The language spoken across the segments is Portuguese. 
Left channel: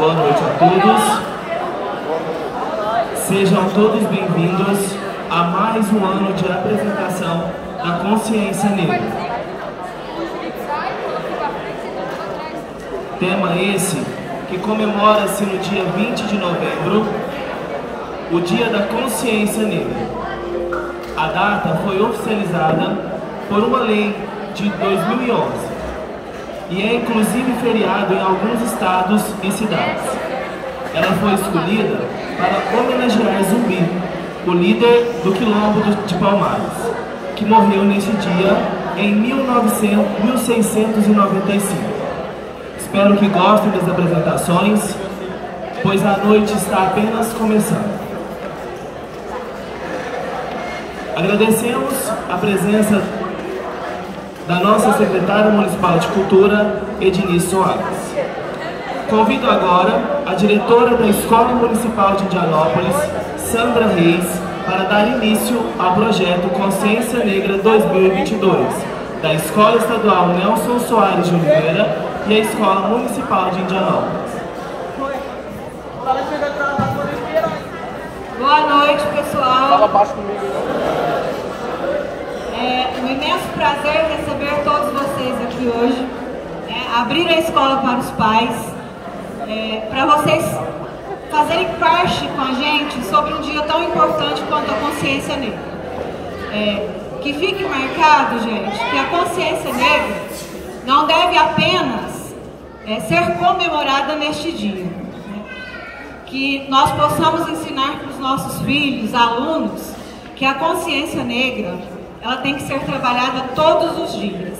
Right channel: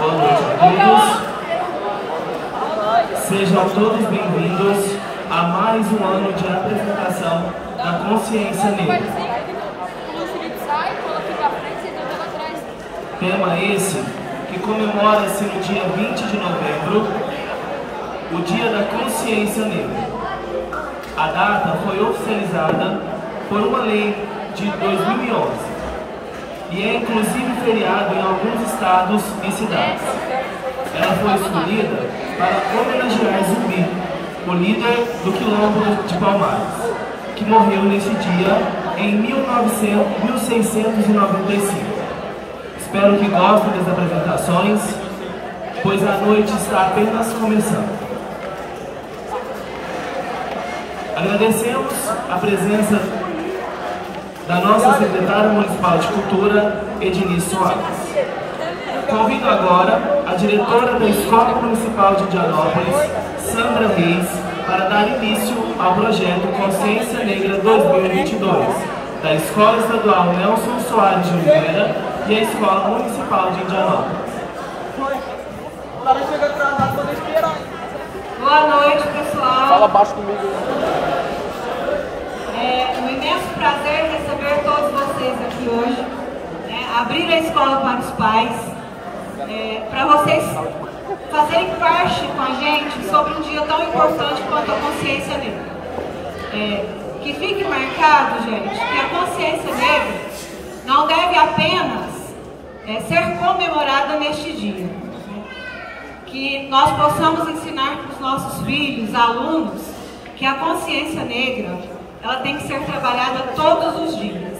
Boa noite a todos. Sejam todos bem-vindos a mais um ano de apresentação da Consciência Negra. Tema esse que comemora-se no dia 20 de novembro, o Dia da Consciência Negra. A data foi oficializada por uma lei de 2011 e é inclusive feriado em alguns estados e cidades. Ela foi escolhida para homenagear Zumbi, o líder do Quilombo de Palmares, que morreu nesse dia em 1695. Espero que gostem das apresentações, pois a noite está apenas começando. Agradecemos a presença da nossa secretária municipal de Cultura, Ednice Soares. Convido agora a diretora da Escola Municipal de Indianópolis, Sandra Reis, para dar início ao projeto Consciência Negra 2022, da Escola Estadual Nelson Soares de Oliveira e a Escola Municipal de Indianópolis. Boa noite, pessoal. É um imenso prazer receber todos vocês aqui hoje, abrir a escola para os pais, para vocês fazerem parte com a gente sobre um dia tão importante quanto a Consciência Negra. Que fique marcado, gente, que a Consciência Negra não deve apenas ser comemorada neste dia. Que nós possamos ensinar para os nossos filhos, alunos, que a consciência negra ela tem que ser trabalhada todos os dias.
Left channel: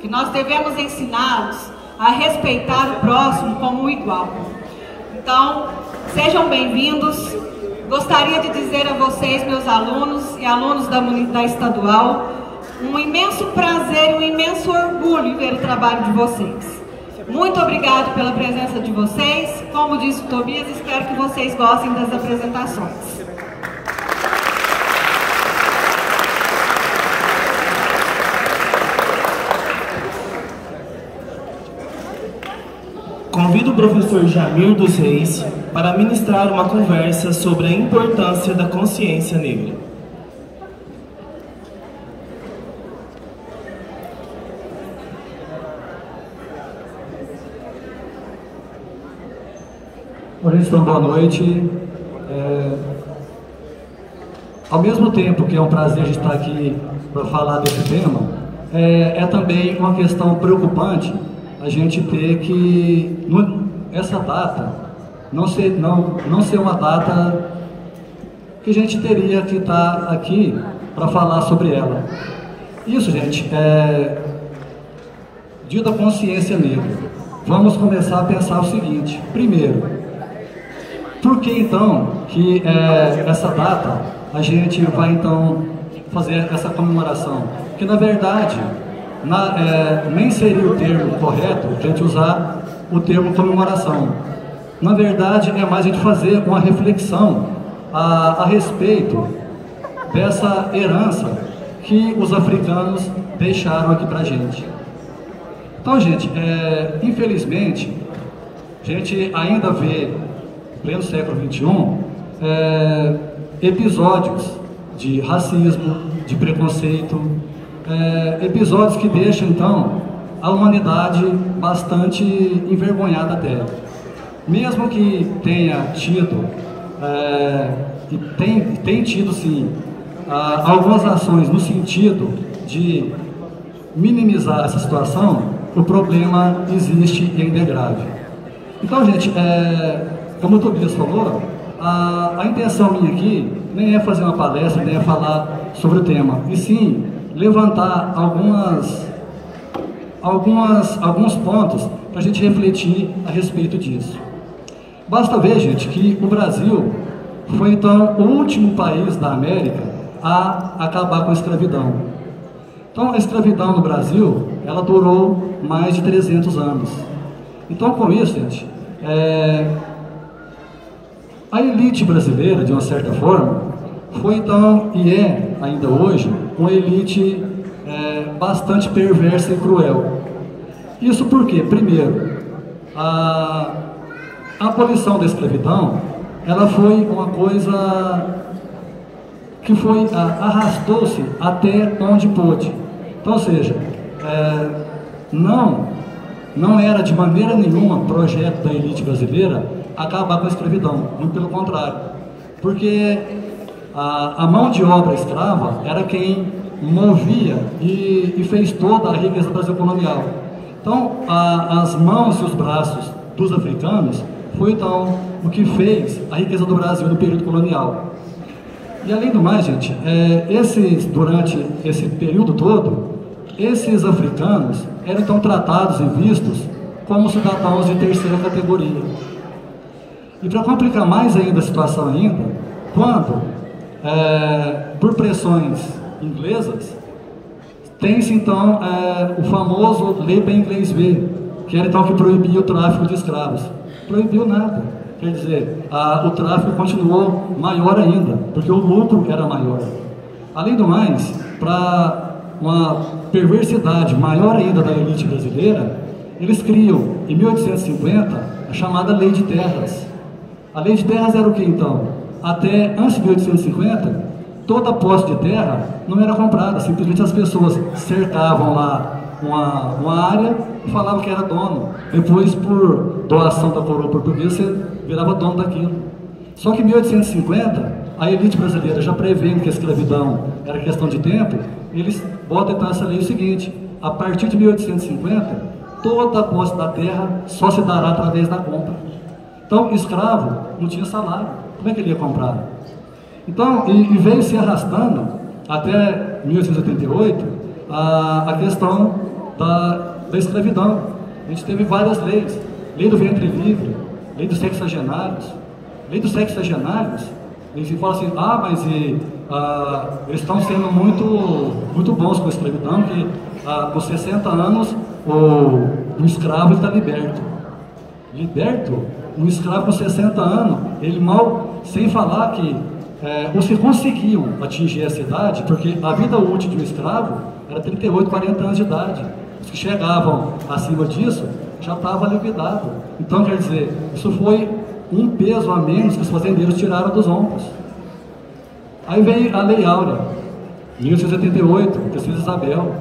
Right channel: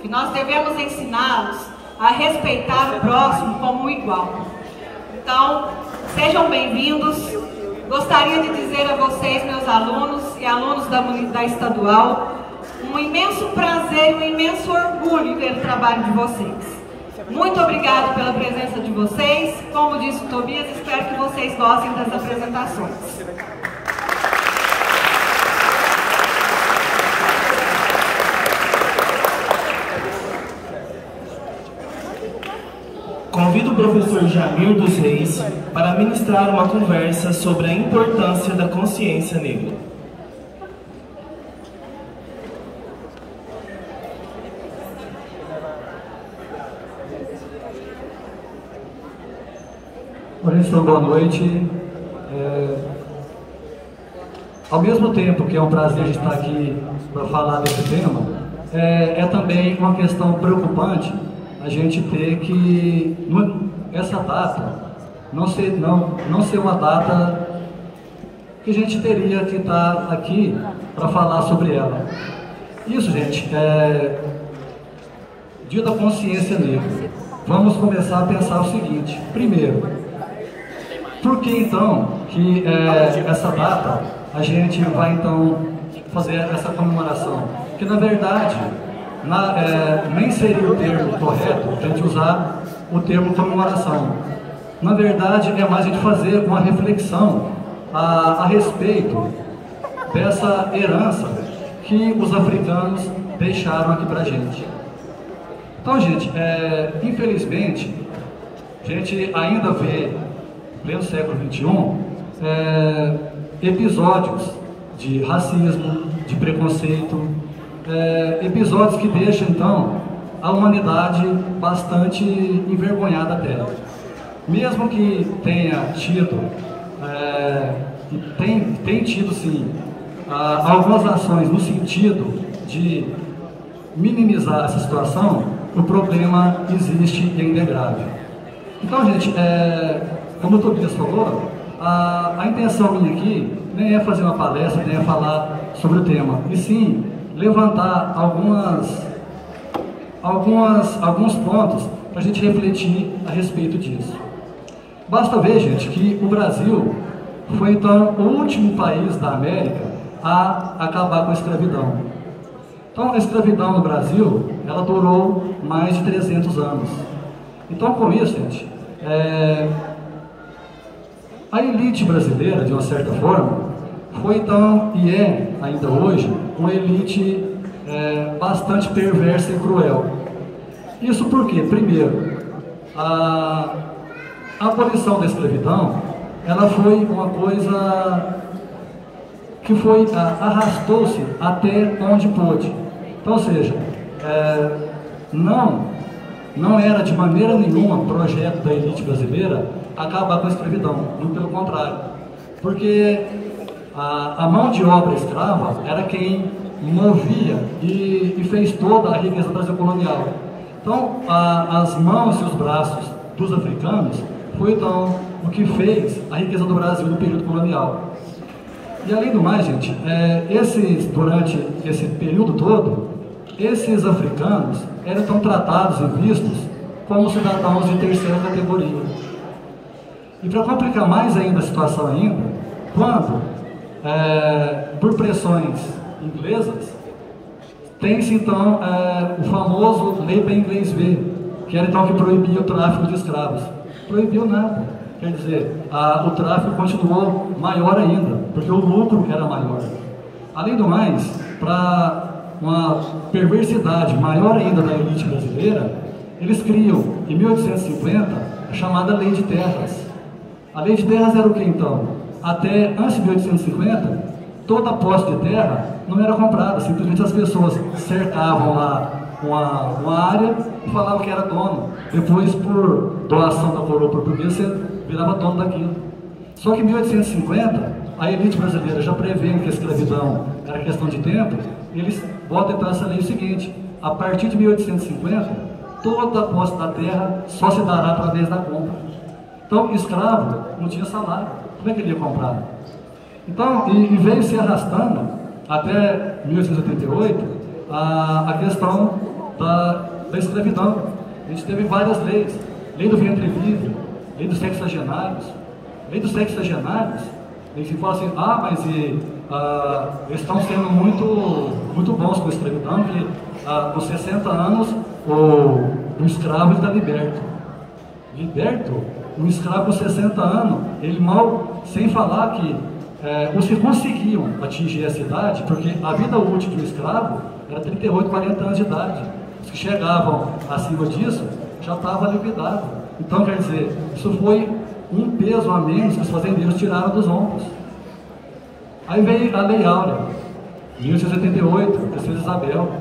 Que nós devemos ensiná-los a respeitar o próximo como um igual. Então, sejam bem-vindos. Gostaria de dizer a vocês, meus alunos e alunos da estadual, um imenso prazer, um imenso orgulho em ver o trabalho de vocês. Muito obrigado pela presença de vocês. Como disse o Tobias, espero que vocês gostem das apresentações. Convido o professor Jamir dos Reis para ministrar uma conversa sobre a importância da consciência negra. Professor, boa noite. Ao mesmo tempo que é um prazer estar aqui para falar desse tema, é também uma questão preocupante a gente ter que, essa data, não ser uma data que a gente teria que estar aqui para falar sobre ela. Isso, gente, Dia da Consciência Negra. Vamos começar a pensar o seguinte: primeiro, por que então que essa data a gente vai então fazer essa comemoração? Porque na verdade nem seria o termo correto a gente usar o termo comemoração. Na verdade é mais a gente fazer uma reflexão a respeito dessa herança que os africanos deixaram aqui pra gente. Então, gente, infelizmente a gente ainda vê em pleno século XXI, episódios de racismo, de preconceito, episódios que deixam, então, a humanidade bastante envergonhada até. Mesmo que tenha tido, e tem tido, sim, algumas ações no sentido de minimizar essa situação, o problema existe e ainda é grave. Então, gente, como o Tobias falou, a intenção minha aqui nem é fazer uma palestra, nem é falar sobre o tema, e sim levantar alguns pontos para a gente refletir a respeito disso. Basta ver, gente, que o Brasil foi então o último país da América a acabar com a escravidão. Então, a escravidão no Brasil, ela durou mais de 300 anos. Então, com isso, gente, a elite brasileira, de uma certa forma, foi então, e é ainda hoje, uma elite bastante perversa e cruel. Isso porque, primeiro, A abolição da escravidão, ela foi uma coisa que arrastou-se até onde pôde. Então, ou seja, não era de maneira nenhuma projeto da elite brasileira acabar com a escravidão, muito pelo contrário, porque a mão de obra escrava era quem movia e fez toda a riqueza do Brasil colonial. Então, as mãos e os braços dos africanos foi então o que fez a riqueza do Brasil no período colonial. E além do mais, gente, durante esse período todo, esses africanos eram então tratados e vistos como cidadãos de terceira categoria. E para complicar mais ainda a situação quando, por pressões inglesas, tem-se então o famoso Lei para Inglês ver, que era então que proibia o tráfico de escravos. Proibiu nada. Quer dizer, o tráfico continuou maior ainda, porque o lucro era maior. Além do mais, para uma perversidade maior ainda da elite brasileira, eles criam, em 1850, a chamada Lei de Terras. A Lei de Terras era o que então? Até antes de 1850, toda posse de terra não era comprada, simplesmente as pessoas cercavam lá uma área e falavam que era dono. Depois, por doação da coroa portuguesa, virava dono daquilo. Só que em 1850, a elite brasileira, já prevendo que a escravidão era questão de tempo, eles botam então essa lei seguinte: a partir de 1850, toda a posse da terra só se dará através da compra. Então, escravo não tinha salário, como é que ele ia comprar? Então, e veio se arrastando até 1888 a questão da escravidão. A gente teve várias leis: lei do ventre livre, lei dos sexagenários. Lei dos sexagenários, eles falam assim: mas eles estão sendo muito bons com a escravidão, que com 60 anos o escravo está liberto. Liberto? Um escravo com 60 anos, ele mal, sem falar que os que conseguiam atingir essa idade, porque a vida útil de um escravo era 38, 40 anos de idade. Os que chegavam acima disso já estavam liquidados. Então, quer dizer, isso foi um peso a menos que os fazendeiros tiraram dos ombros. Aí veio a Lei Áurea, 1888, Princesa Isabel.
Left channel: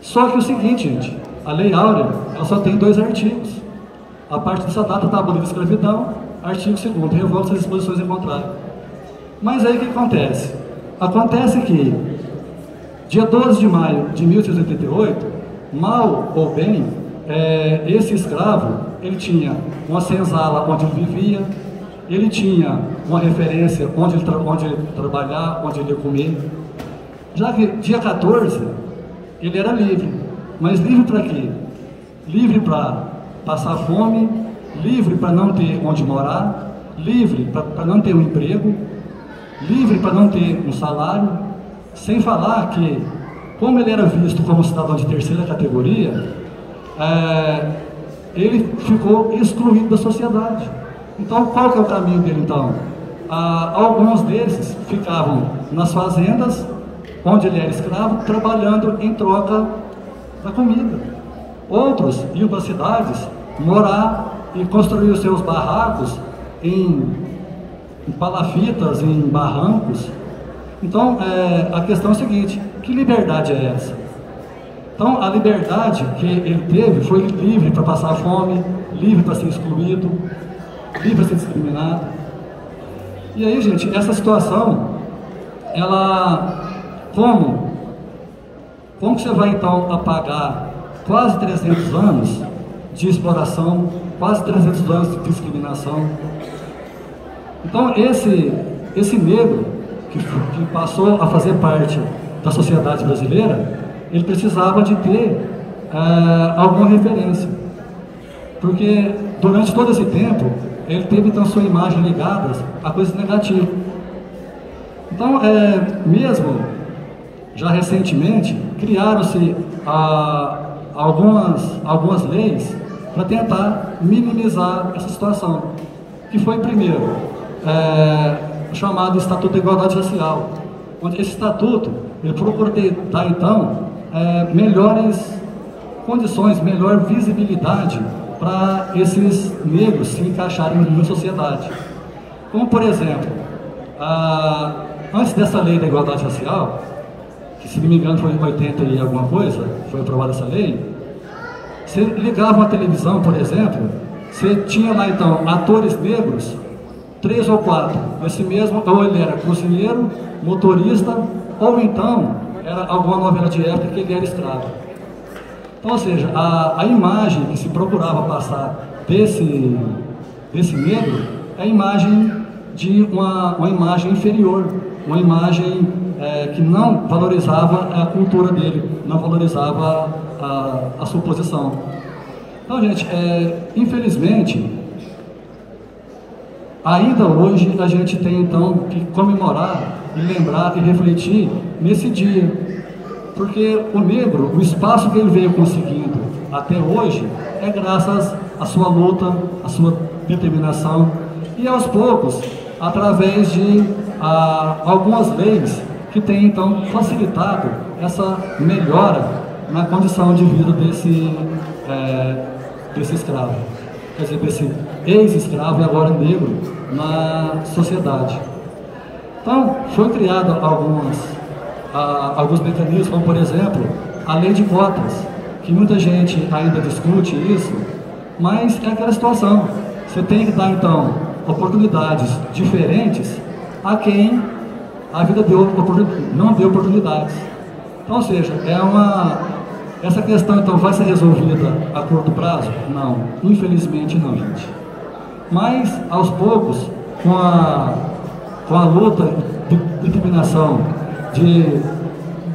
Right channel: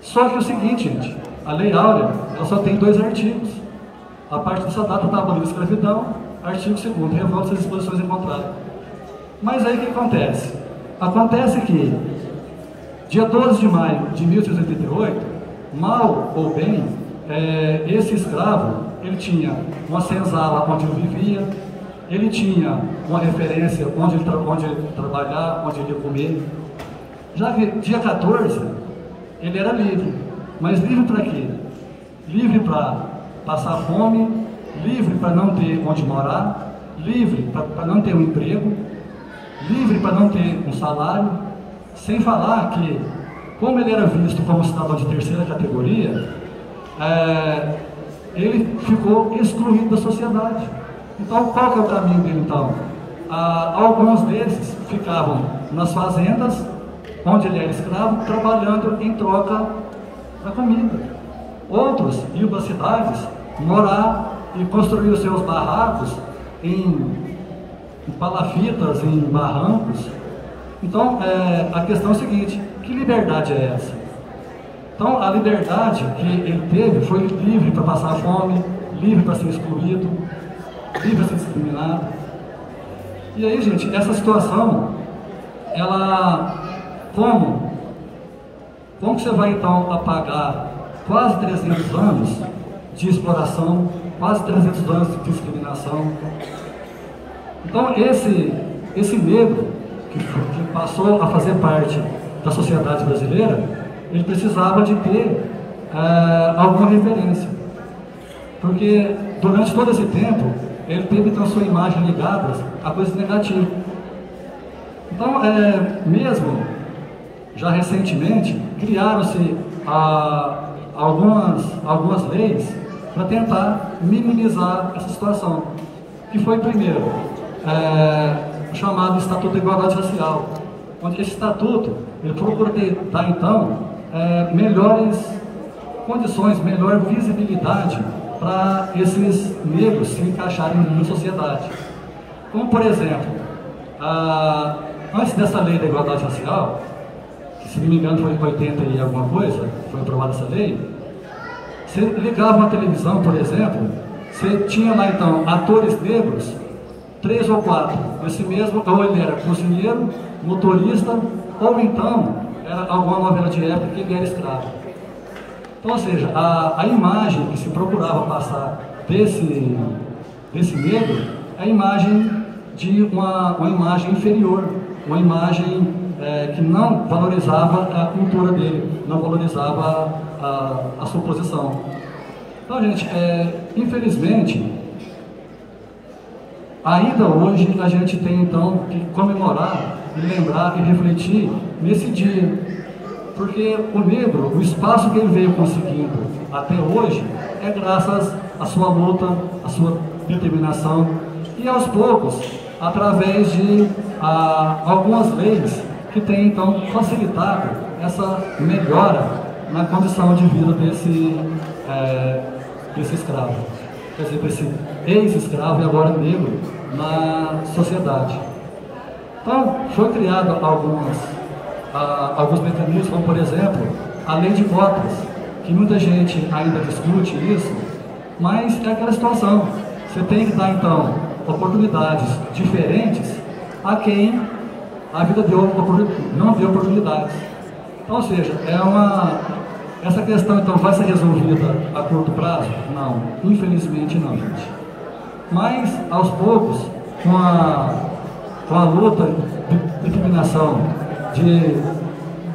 Só que é o seguinte, gente, a Lei Áurea, ela só tem 2 artigos. A partir dessa data está abolida a escravidão, artigo 2º, revolta as disposições em contrário. Mas aí o que acontece? Acontece que, dia 12 de maio de 1888, mal ou bem, esse escravo, ele tinha uma senzala onde ele vivia, ele tinha uma referência onde ele trabalhar, onde ele ia comer. Já que dia 14, ele era livre. Mas livre para quê? Livre para passar fome, livre para não ter onde morar, livre para não ter um emprego, livre para não ter um salário, sem falar que, como ele era visto como cidadão de terceira categoria, ele ficou excluído da sociedade. Então, qual que é o caminho dele, então? Alguns desses ficavam nas fazendas, onde ele era escravo, trabalhando em troca da comida. Outros iam para cidades morar e construir os seus barracos em palafitas, em barrancos. Então, a questão é a seguinte: que liberdade é essa? Então, a liberdade que ele teve foi livre para passar fome, livre para ser excluído, livre para ser discriminado. E aí, gente, essa situação, ela, como que você vai então apagar quase 300 anos de exploração, quase 300 anos de discriminação? Então, esse negro que passou a fazer parte da sociedade brasileira, ele precisava de ter alguma referência, porque durante todo esse tempo ele teve então sua imagem ligada a coisas negativas. Então, mesmo já recentemente, criaram-se algumas leis para tentar minimizar essa situação, que foi primeiro chamado Estatuto da Igualdade Racial, onde esse estatuto ele procura dar então melhores condições, melhor visibilidade para esses negros se encaixarem na sociedade. Como, por exemplo, antes dessa lei da igualdade racial, que se não me engano foi em 80 e alguma coisa, foi aprovada essa lei, você ligava na televisão, por exemplo, você tinha lá então atores negros, 3 ou 4, esse mesmo, ou ele era cozinheiro, motorista, ou então era alguma novela de época que ele era escravo. Então, ou seja, a imagem que se procurava passar desse negro é a imagem de uma imagem inferior, uma imagem que não valorizava a cultura dele, não valorizava a sua posição. Então, gente, infelizmente, ainda hoje a gente tem então que comemorar e lembrar e refletir nesse dia, porque o negro, o espaço que ele veio conseguindo até hoje é graças à sua luta, à sua determinação e aos poucos através de algumas leis que têm então facilitado essa melhora na condição de vida desse escravo, quer dizer, desse ex-escravo e agora negro na sociedade. Então, foi criado alguns mecanismos, como por exemplo, a lei de cotas, que muita gente ainda discute isso, mas é aquela situação, você tem que dar então oportunidades diferentes a quem a vida não deu oportunidades. Então, ou seja, essa questão então vai ser resolvida a curto prazo? Não, infelizmente não, gente. Mas, aos poucos, com a luta de determinação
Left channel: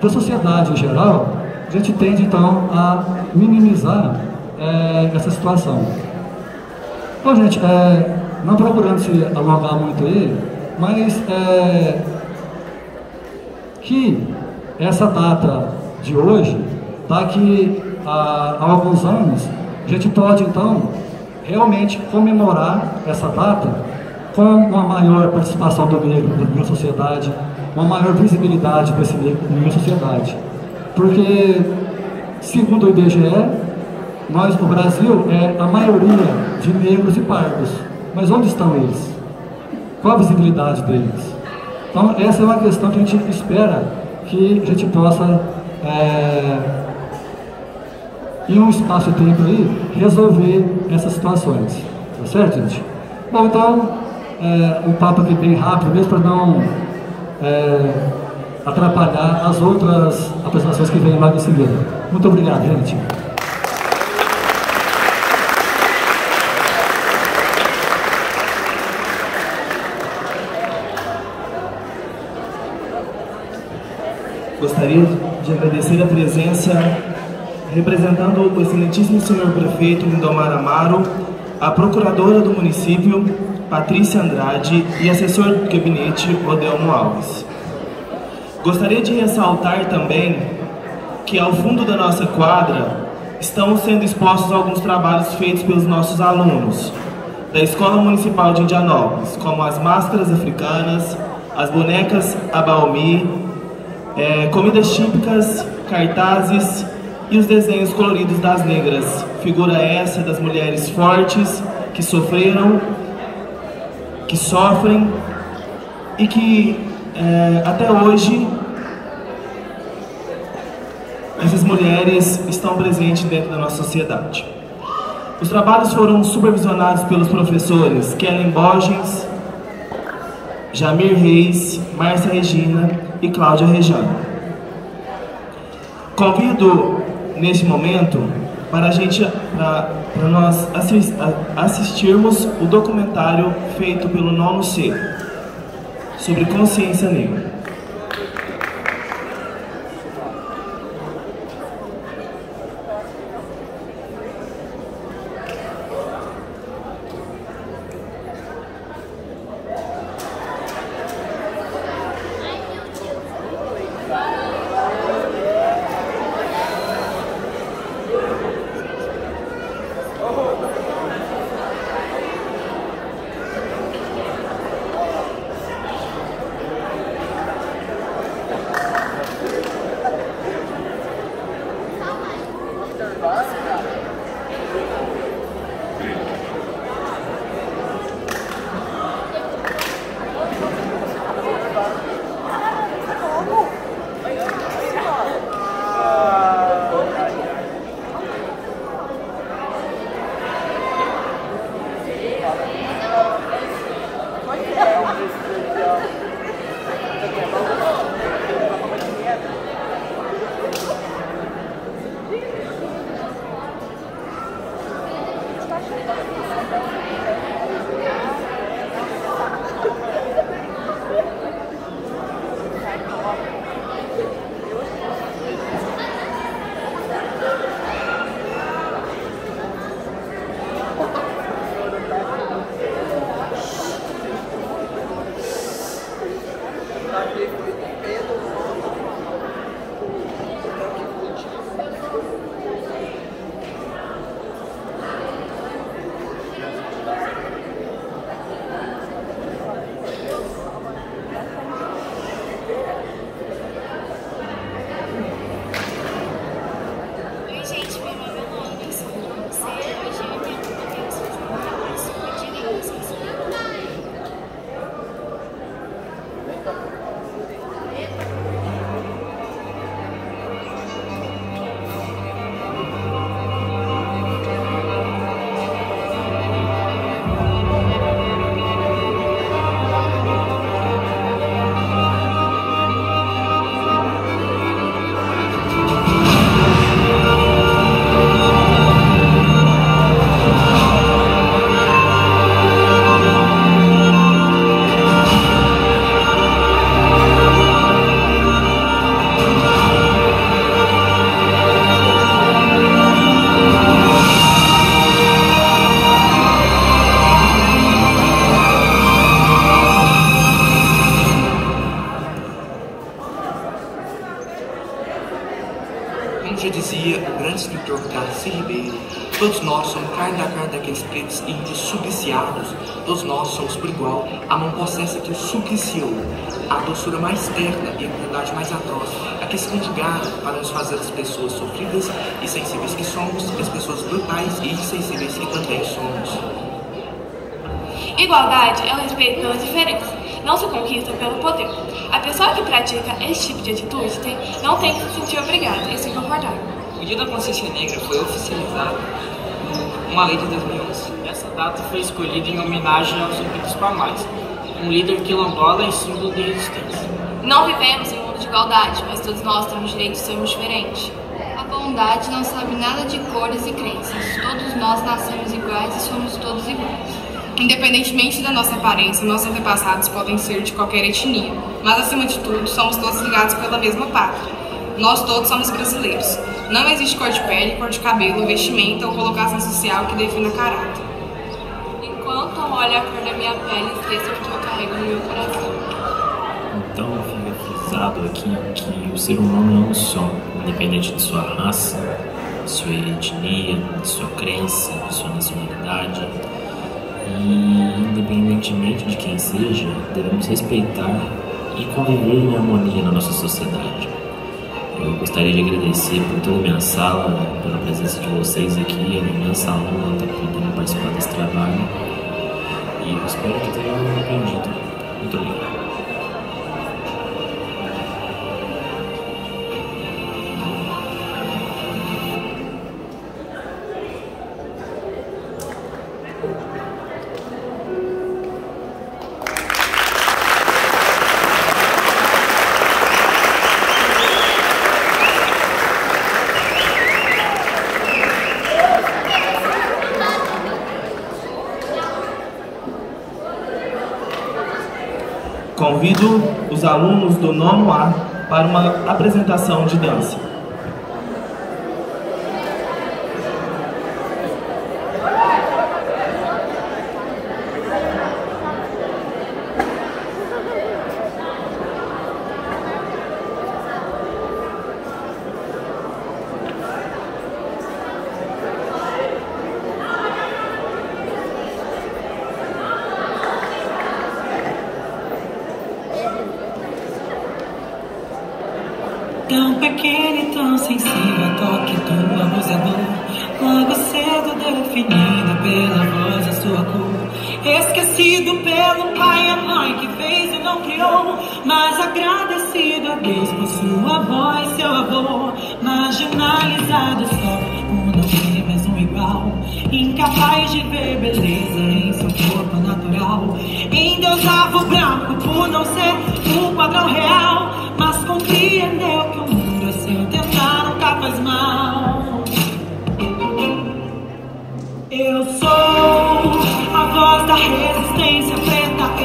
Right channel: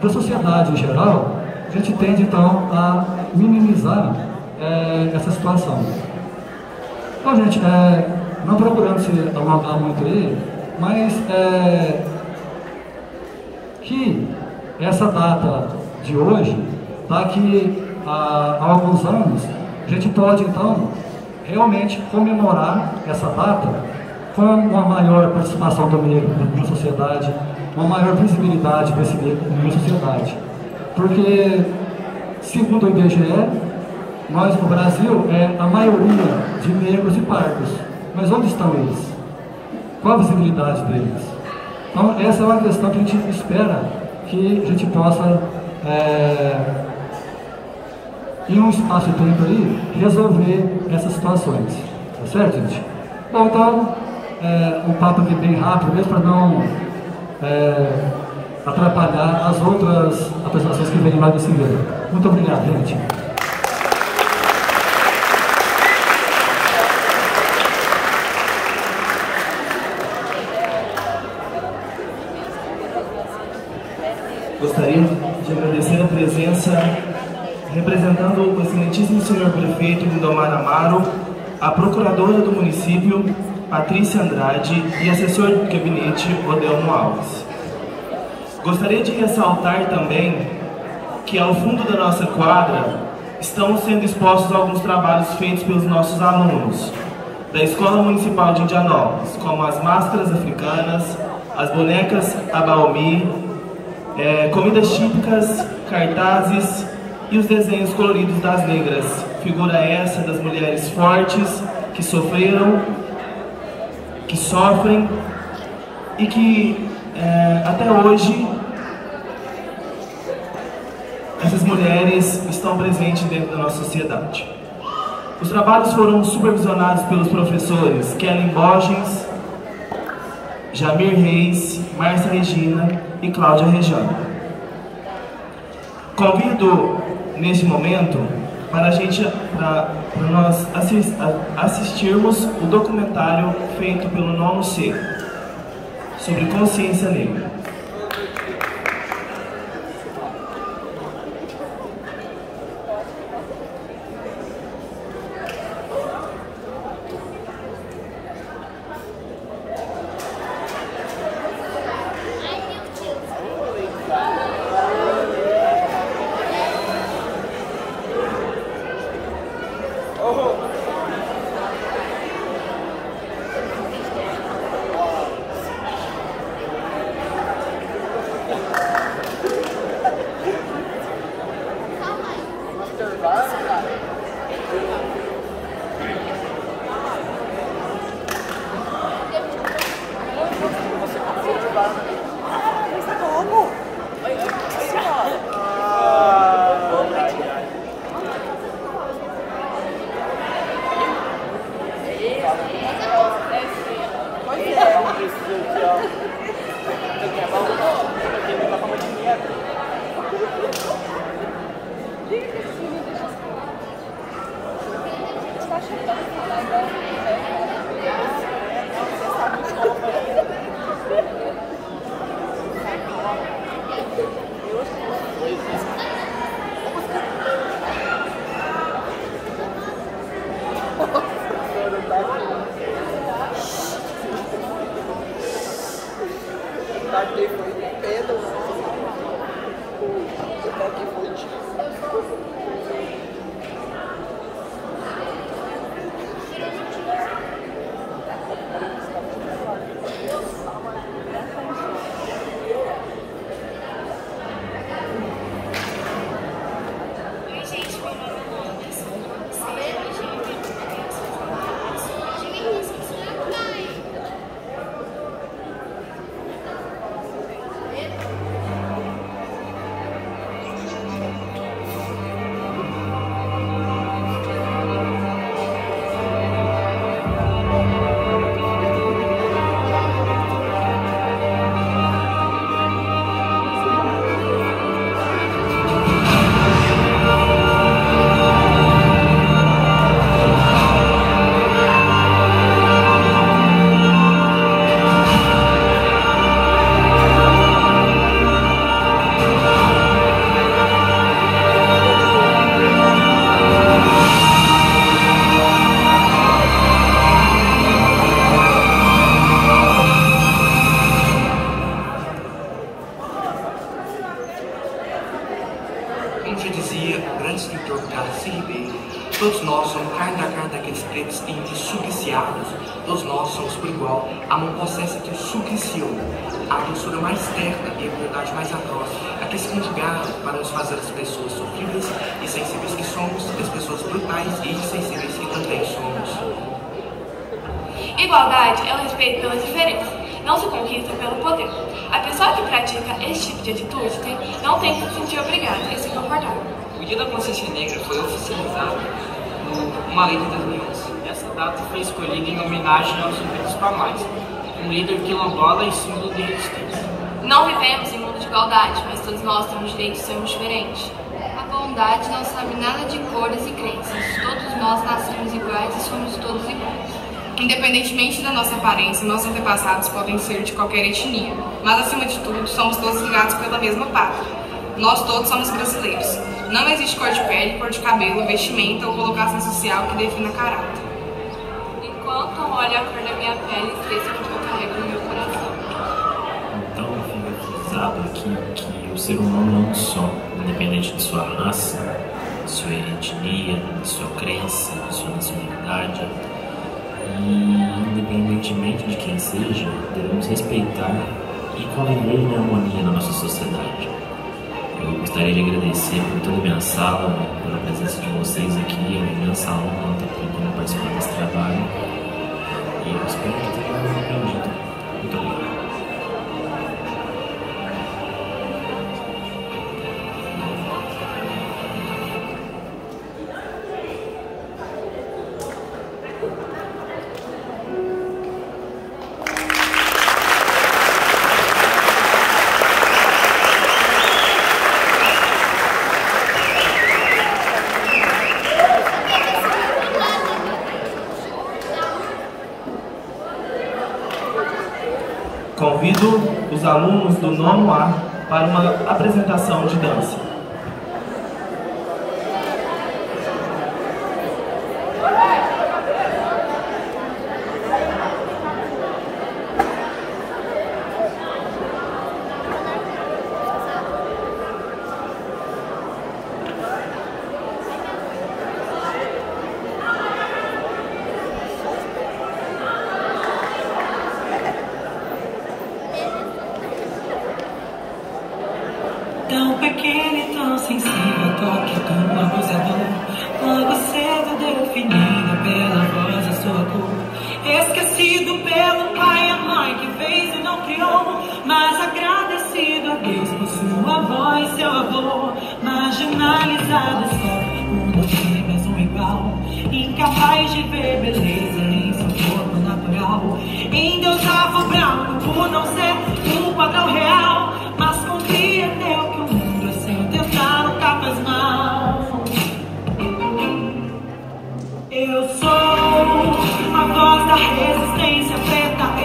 da sociedade em geral, a gente tende então a minimizar essa situação. Então, gente, não procurando se alongar muito aí, mas que essa data de hoje, daqui a alguns anos, a gente pode então realmente comemorar essa data com uma maior participação do negro na sociedade, uma maior visibilidade desse negro na sociedade. Porque, segundo o IBGE, nós no Brasil a maioria de negros e pardos. Mas onde estão eles? Qual a visibilidade deles? Então, essa é uma questão que a gente espera que a gente possa, em um espaço de tempo aí, resolver essas situações. Tá certo, gente? Bom, então, um papo aqui bem rápido mesmo para não atrapalhar as outras apresentações que vêm logo em seguida. Muito obrigado, gente. Gostaria de agradecer a presença, representando o excelentíssimo senhor prefeito Lindomar Amaro, a procuradora do município, Patrícia Andrade, e assessor de gabinete, Odeon Alves. Gostaria de ressaltar também que ao fundo da nossa quadra estão sendo expostos alguns trabalhos feitos pelos nossos alunos da Escola Municipal de Indianópolis, como as máscaras africanas, as bonecas abaumi, comidas típicas, cartazes e os desenhos coloridos das negras. Figura essa das mulheres fortes que sofreram, que sofrem e que até hoje essas mulheres estão presentes dentro da nossa sociedade. Os trabalhos foram supervisionados pelos professores Kellen Borges, Jamir Reis, Márcia Regina e Cláudia Rejano. Convido neste momento para nós assistirmos o documentário feito pelo Nono C sobre consciência negra. Todos nós somos carne da carne daqueles pretos índios supliciados. Todos nós somos por igual a mão possessa que o supliciou, a doçura mais terna e a crueldade mais atroz, a que se conjugaram para nos fazer as pessoas sofridas e sensíveis que somos, e as pessoas brutais e insensíveis que também somos. Igualdade é o respeito pela diferença, não se conquista pelo poder. A pessoa que pratica esse tipo de atitude não tem que se sentir obrigada e se concordar. O Dia da Consciência Negra foi oficializado por uma lei de 2011. E essa data foi escolhida em homenagem aos Zumbi Palmares, um líder quilombola e símbolo de resistência. Não vivemos em mundo de igualdade, mas todos nós temos direito de sermos diferentes. A bondade não sabe nada de cores e crenças. Todos nós nascemos iguais e somos todos iguais. Independentemente da nossa aparência, nossos antepassados podem ser de qualquer etnia, mas acima de tudo, somos todos ligados pela mesma pátria. Nós todos somos brasileiros. Não existe cor de pele, cor de cabelo, vestimenta ou colocação social que defina caráter. Enquanto olho a cor da minha pele, esqueço que eu carrego no meu coração. Então fica frisado aqui que o ser humano é um só, independente de sua raça, de sua etnia, de sua crença, de sua nacionalidade. E, independentemente de quem seja, devemos respeitar e conviver em harmonia na nossa sociedade. Eu gostaria de agradecer por toda a minha sala, pela presença de vocês aqui, é uma imensa honra estar podendo participar desse trabalho. E eu espero que tenham aprendido. Muito obrigado. Convido os alunos do 9º A para uma apresentação de dança. Tão pequeno e tão sensível, toque tua luz é dor. Logo cedo definido pela voz a sua cor. Esquecido pelo pai e a mãe que fez e não criou, mas agradecido a Deus por sua voz, seu avô. Marginalizado só, um você mais um igual. Incapaz de ver beleza em seu corpo natural. Endeusava o branco por não ser o padrão real, mas compreendeu tentar capas mal. Eu sou a voz da resistência preta.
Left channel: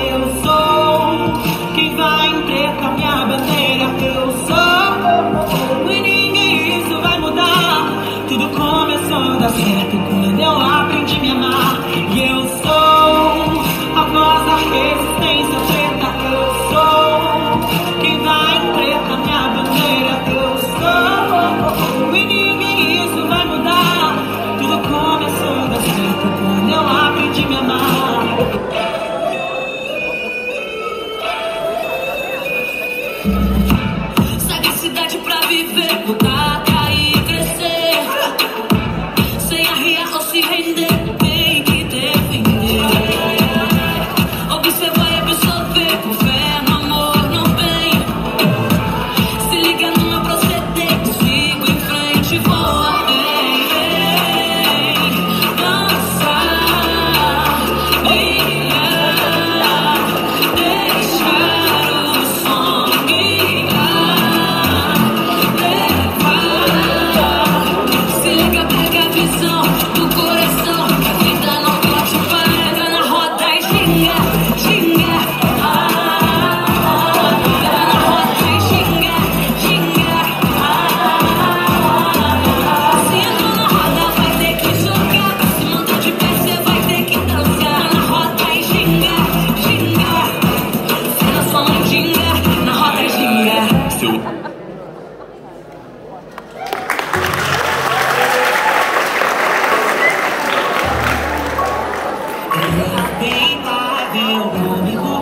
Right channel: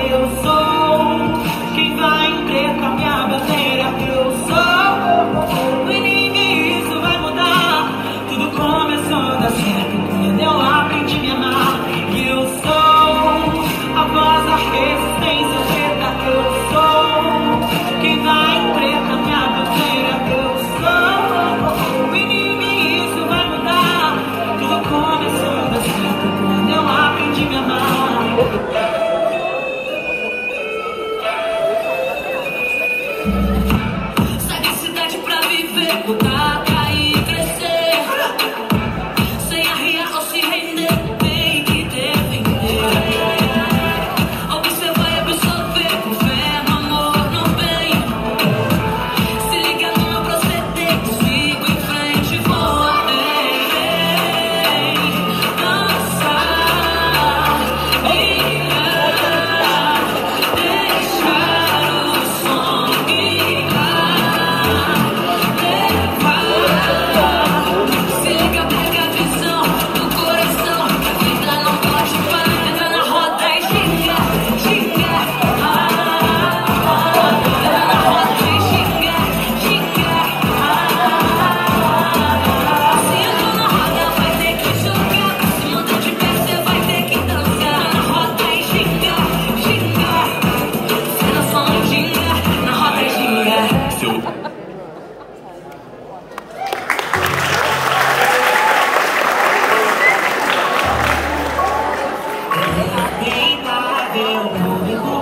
Respeitável público,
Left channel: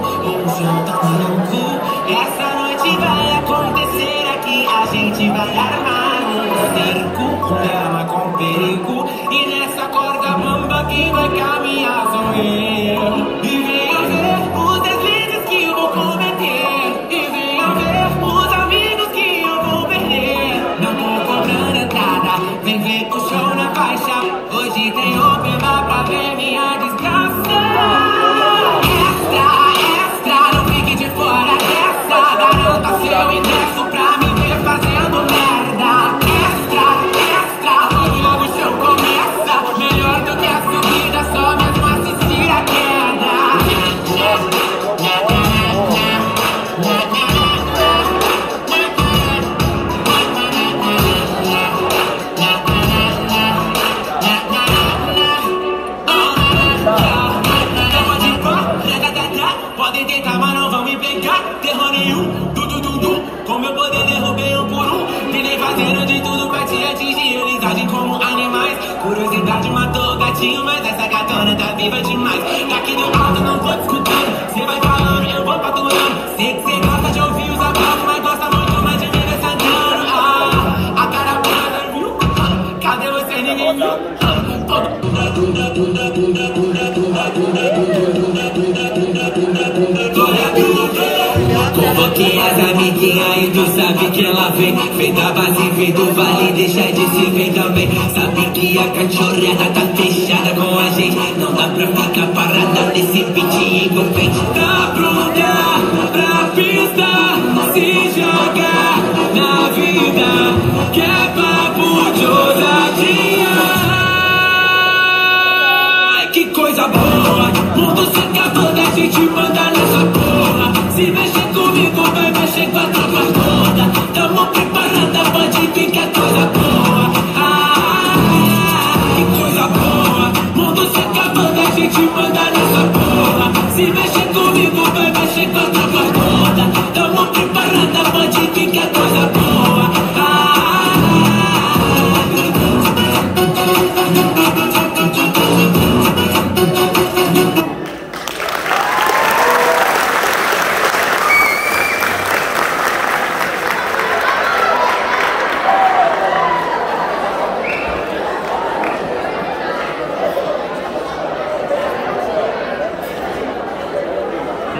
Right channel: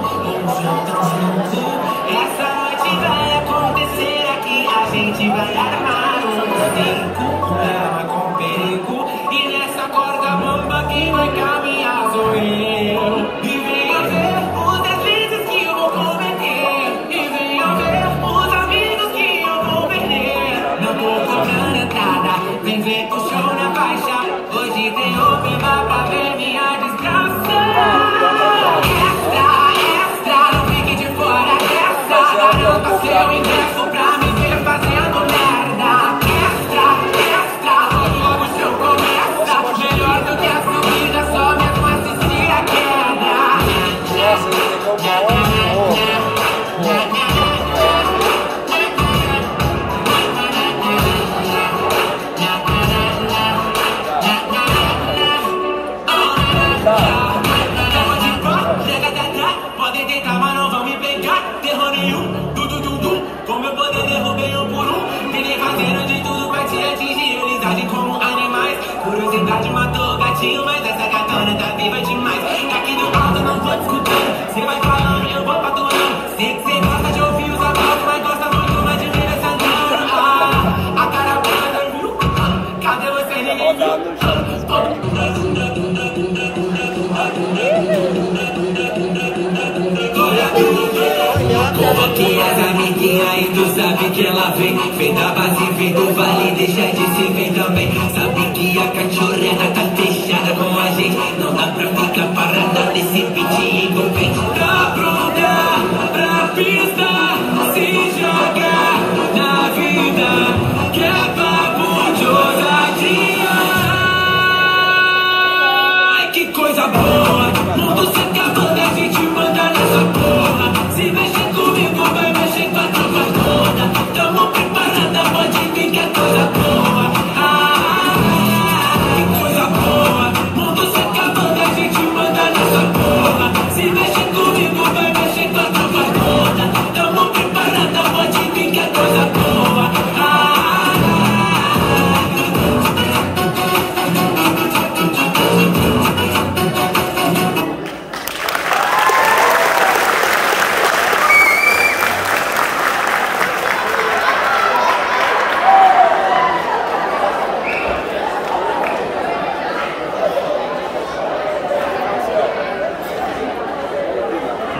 usando comigo. Essa noite vai acontecer aqui, a gente vai armar um circo, um drama com perigo. E nessa corda bamba quem vai caminhar sou eu. E venha ver os deslizes que vou cometer. E venha ver os amigos que eu vou perder. Não tô cobrando entrada, vem ver o show na faixa. Hoje tem open bar pra ver minha desgraça. Extra, extra, não fique de fora, extra. Garanta seu ingresso pra me ver fazendo merda. Extra, extra, o novo show começa. Melhor do que a seguida, só mesmo assistir a queda. Podem tentar, mas não vão me pegar. Terror nenhum, com meu poder derrubei um por um. Vivem fazendo de tudo pra te atingir. Eles agem como animais. Curiosidade matou o gatinho, mas essa gatona tá viva demais. Daqui do lado não tô discutindo. Cê vai falando e eu vou patrulhando. Sei que cê gosta de ouvir os aplausos, mas gosta muito mais de me ver cantando. A cara para, viu? Cadê você? Ninguém viu? Coloquei as amiguinhas e tu sabe que ela vem. Feita base, feito vale, deixa de se ver também. Sabe que a cachorrada tá fechada com a gente. Não dá pra ficar parada nesse beat envolvente. Tá pronta pra pista, se jogar na vida, que é papo de ousadia. Que coisa boa, mundo se acabou da gente mandar nessa porra. Se mexer comigo, vai mexer com a tropa toda. Tamo preparando, pode vir que é toda boa. Que coisa boa, mundo se acabou da gente mandar nessa porra. Se mexer comigo, vai mexer com a tropa toda. Tamo preparando, pode vir que é toda boa.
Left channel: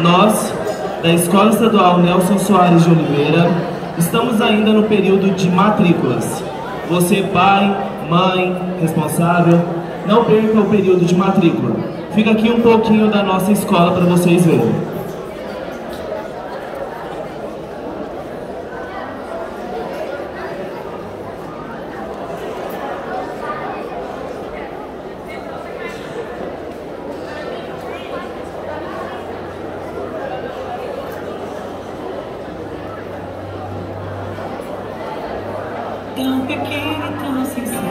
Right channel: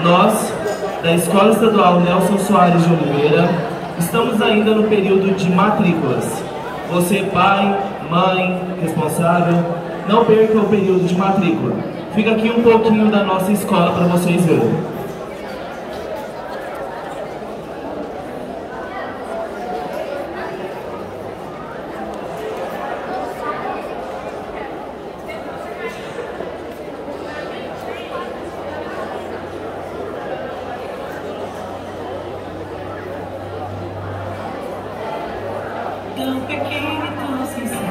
Nós, da Escola Estadual Nelson Soares de Oliveira, estamos ainda no período de matrículas. Você, pai, mãe, responsável, não perca o período de matrícula. Fica aqui um pouquinho da nossa escola para vocês verem. Tão pequeno, tão sincero.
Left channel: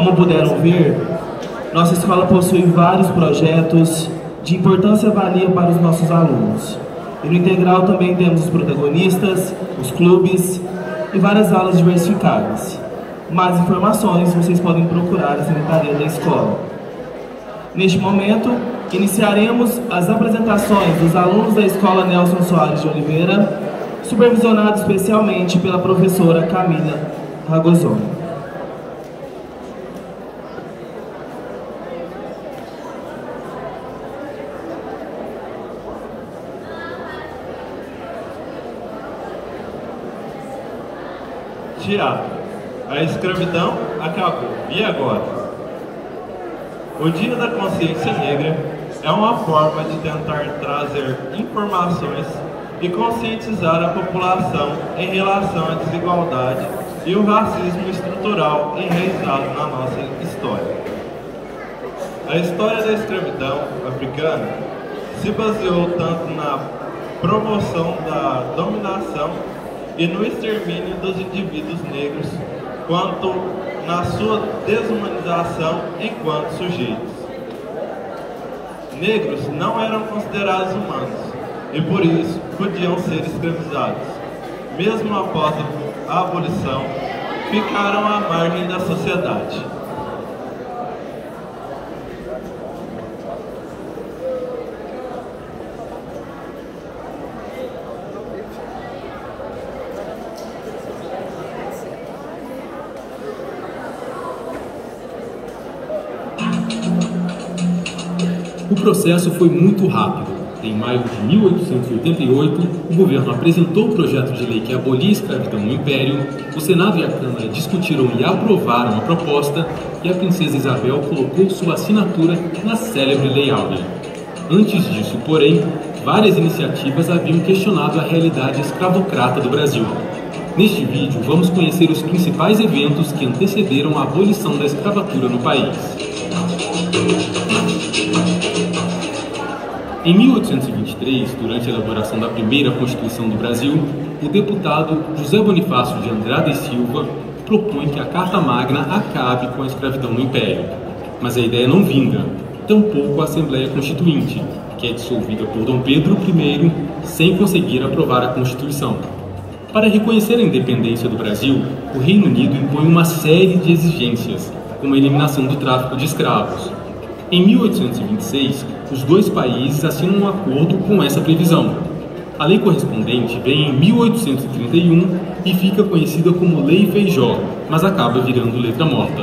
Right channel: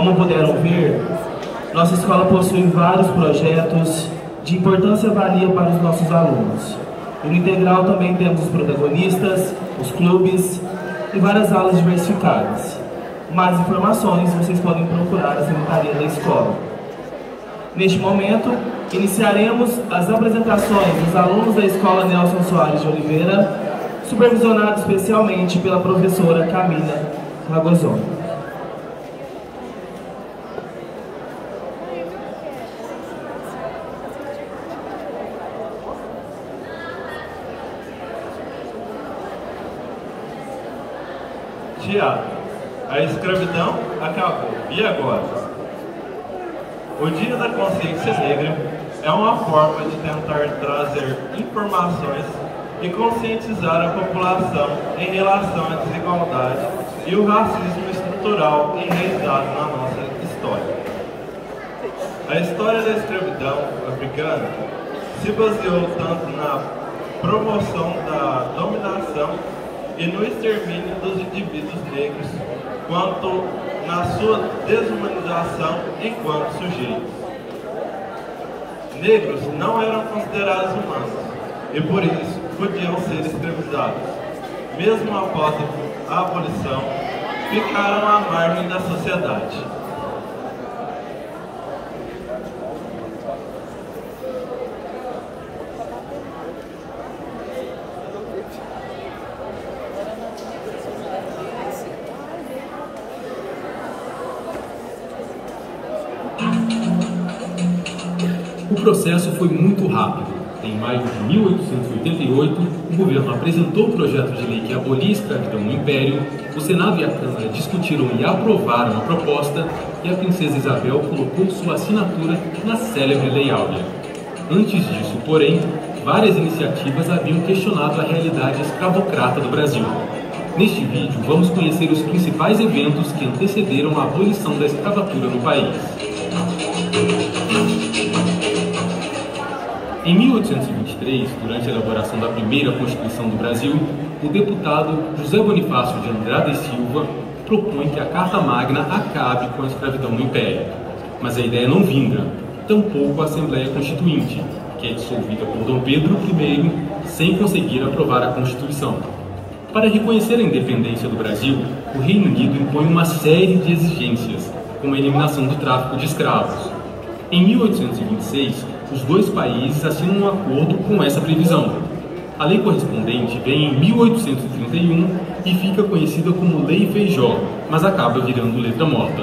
Como puderam ver, nossa escola possui vários projetos de importância valia para os nossos alunos. E no Integral também temos os protagonistas, os clubes e várias aulas diversificadas. Mais informações vocês podem procurar a secretaria da escola. Neste momento, iniciaremos as apresentações dos alunos da Escola Nelson Soares de Oliveira, supervisionados especialmente pela professora Camila Ragozoni. Teatro. A escravidão acabou. E agora? O Dia da Consciência Negra é uma forma de tentar trazer informações e conscientizar a população em relação à desigualdade e o racismo estrutural enraizado na nossa história. A história da escravidão africana se baseou tanto na promoção da dominação e no extermínio dos indivíduos negros, quanto na sua desumanização enquanto sujeitos. Negros não eram considerados humanos e por isso podiam ser escravizados. Mesmo após a abolição, ficaram à margem da sociedade. O processo foi muito rápido. Em maio de 1888, o governo apresentou o projeto de lei que abolia a escravidão no Império, o Senado e a Câmara discutiram e aprovaram a proposta e a princesa Isabel colocou sua assinatura na célebre Lei Áurea. Antes disso, porém, várias iniciativas haviam questionado a realidade escravocrata do Brasil. Neste vídeo, vamos conhecer os principais eventos que antecederam a abolição da escravatura no país. Em 1823, durante a elaboração da primeira Constituição do Brasil, o deputado José Bonifácio de Andrade e Silva propõe que a Carta Magna acabe com a escravidão no Império. Mas a ideia não vinga, tampouco a Assembleia Constituinte, que é dissolvida por Dom Pedro I, sem conseguir aprovar a Constituição. Para reconhecer a independência do Brasil, o Reino Unido impõe uma série de exigências, como a eliminação do tráfico de escravos. Em 1826, os dois países assinam um acordo com essa previsão. A lei correspondente vem em 1831 e fica conhecida como Lei Feijó, mas acaba virando letra morta.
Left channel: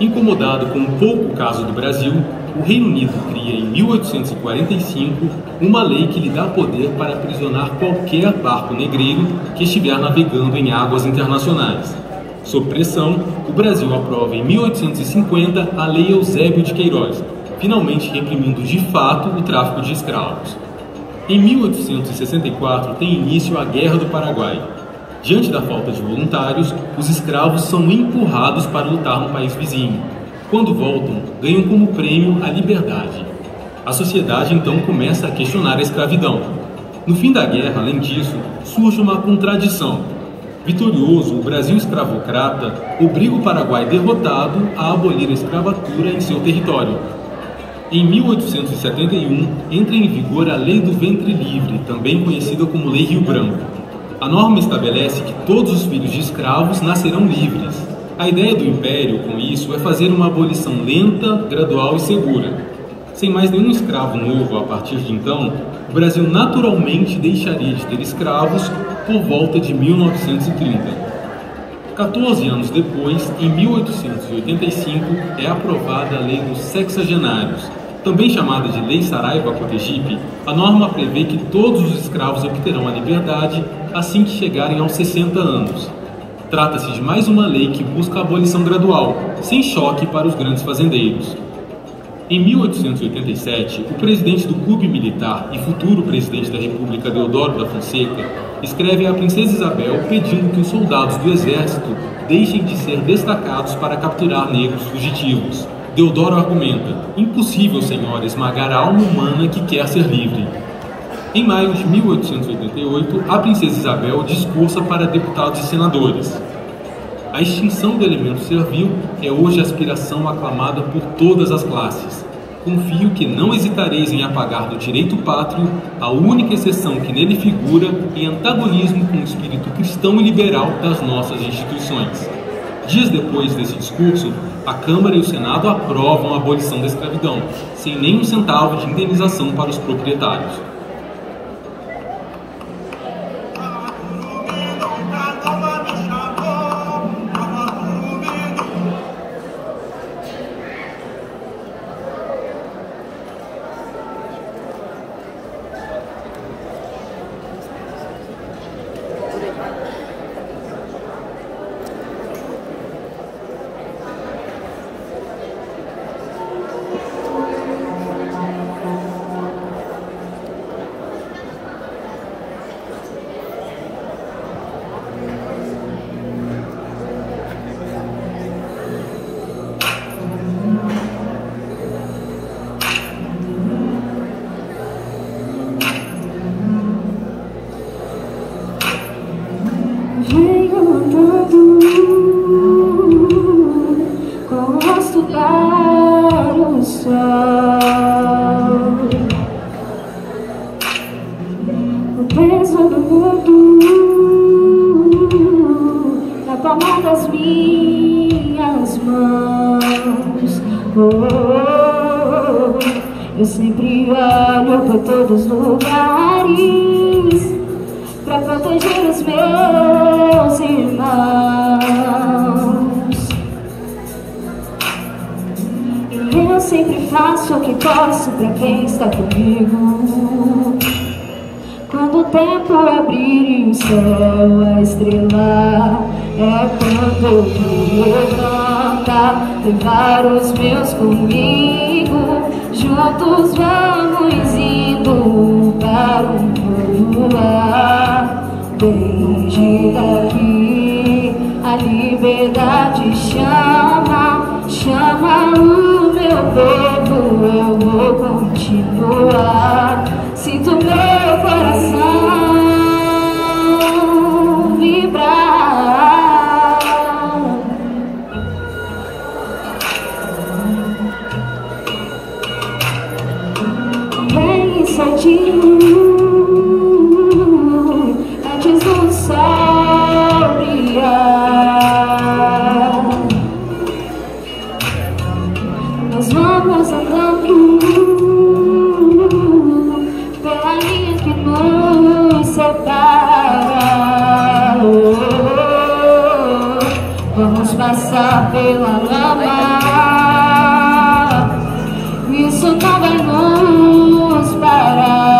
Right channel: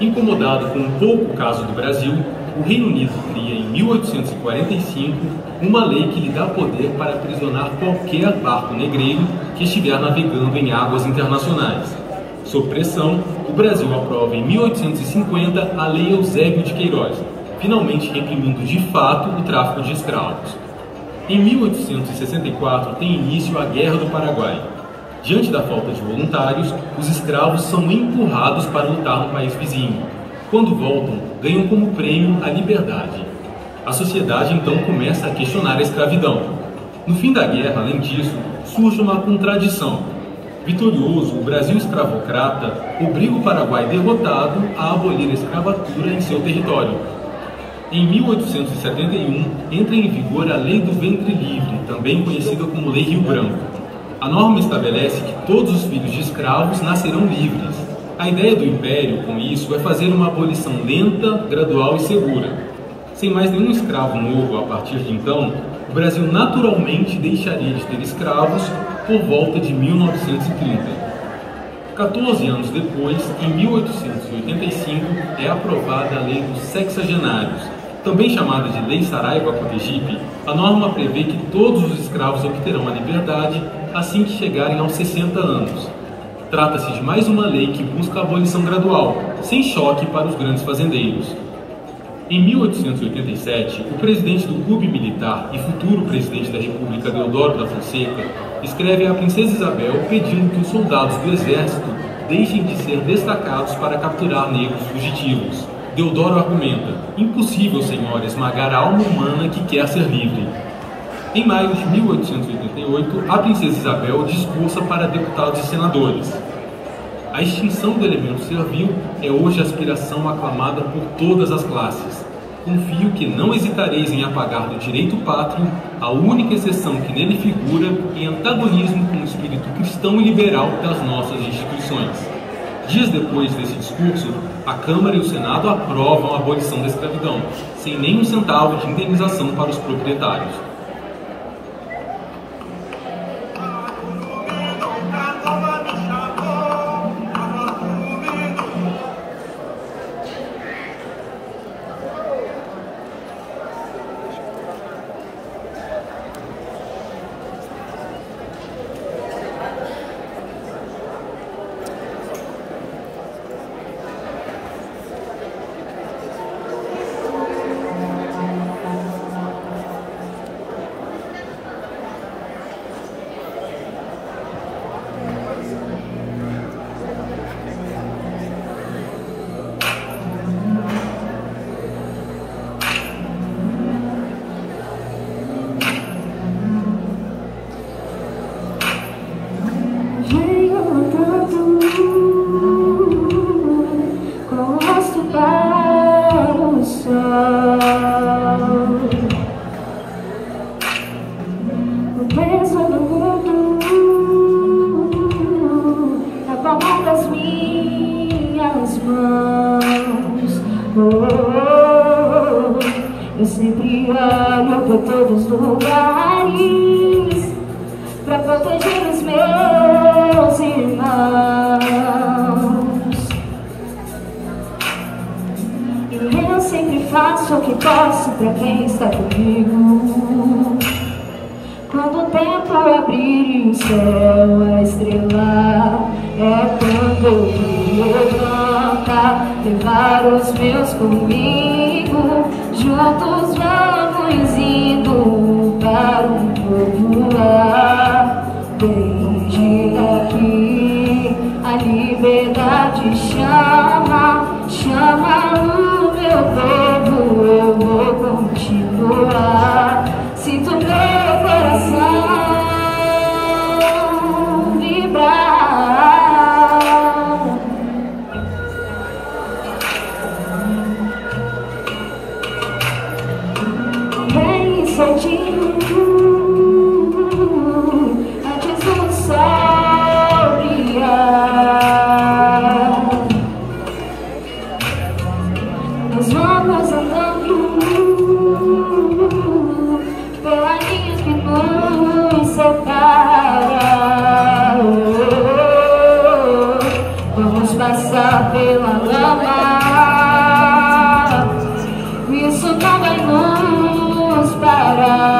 Incomodado com o pouco caso do Brasil, o Reino Unido cria em 1845 uma lei que lhe dá poder para aprisionar qualquer barco negreiro que estiver navegando em águas internacionais. Sob pressão, o Brasil aprova em 1850 a Lei Eusébio de Queiroz, finalmente reprimindo de fato o tráfico de escravos. Em 1864 tem início a Guerra do Paraguai. Diante da falta de voluntários, os escravos são empurrados para lutar no país vizinho. Quando voltam, ganham como prêmio a liberdade. A sociedade então começa a questionar a escravidão. No fim da guerra, além disso, surge uma contradição. Vitorioso, o Brasil escravocrata obriga o Paraguai derrotado a abolir a escravatura em seu território. Em 1871, entra em vigor a Lei do Ventre Livre, também conhecida como Lei Rio Branco. A norma estabelece que todos os filhos de escravos nascerão livres. A ideia do Império, com isso, é fazer uma abolição lenta, gradual e segura. Sem mais nenhum escravo novo a partir de então, o Brasil naturalmente deixaria de ter escravos por volta de 1930. 14 anos depois, em 1885, é aprovada a Lei dos Sexagenários. Também chamada de Lei Saraiva-Cotegipe, a norma prevê que todos os escravos obterão a liberdade assim que chegarem aos 60 anos. Trata-se de mais uma lei que busca a abolição gradual, sem choque para os grandes fazendeiros. Em 1887, o presidente do Clube Militar e futuro presidente da República, Deodoro da Fonseca, escreve à princesa Isabel pedindo que os soldados do exército deixem de ser destacados para capturar negros fugitivos. Deodoro argumenta: impossível, senhora, esmagar a alma humana que quer ser livre. Em maio de 1888, a princesa Isabel discursa para deputados e senadores. A extinção do elemento servil é hoje a aspiração aclamada por todas as classes. Confio que não hesitareis em apagar do direito pátrio a única exceção que nele figura em antagonismo com o espírito cristão e liberal das nossas instituições. Dias depois desse discurso, a Câmara e o Senado aprovam a abolição da escravidão, sem nem um centavo de indenização para os proprietários. Eu sempre olho por todos os lugares pra proteger os meus irmãos. E eu sempre faço o que posso pra quem está comigo. Quando o tempo abrir o céu, a estrela é quando eu me levanta, levar os meus comigo. Juntos vamos indo para um novo lar. Desde daqui a liberdade chama, chama o meu povo. Eu vou continuar. Sinto meu coração vibrar. Vem cedinho, antes do sol brilhar. Nós vamos andando pela linha que nos separa. Vamos passar pela lama. Isso não vai nos parar.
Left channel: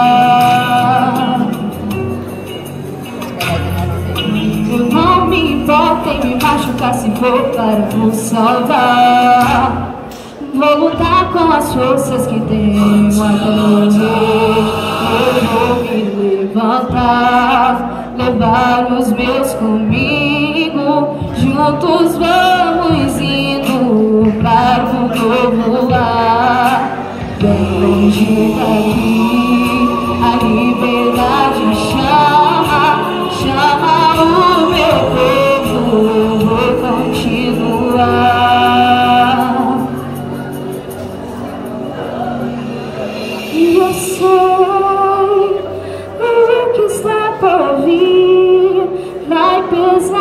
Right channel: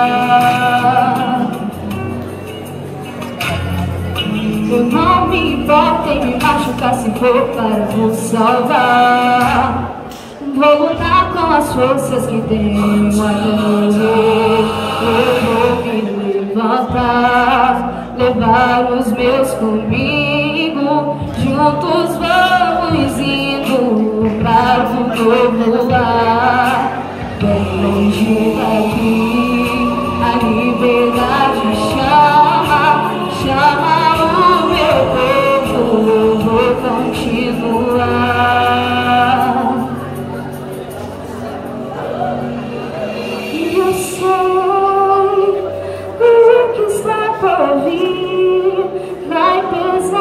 Eu não me importo em me machucar se for para nos salvar. Vou lutar com as forças que tenho até morrer. Eu vou me levantar, levar os meus comigo. Juntos vamos indo para um novo lugar. Desde daqui a liberdade chama, chama o meu povo. Eu vou continuar. E eu sei o que está por vir vai pesar.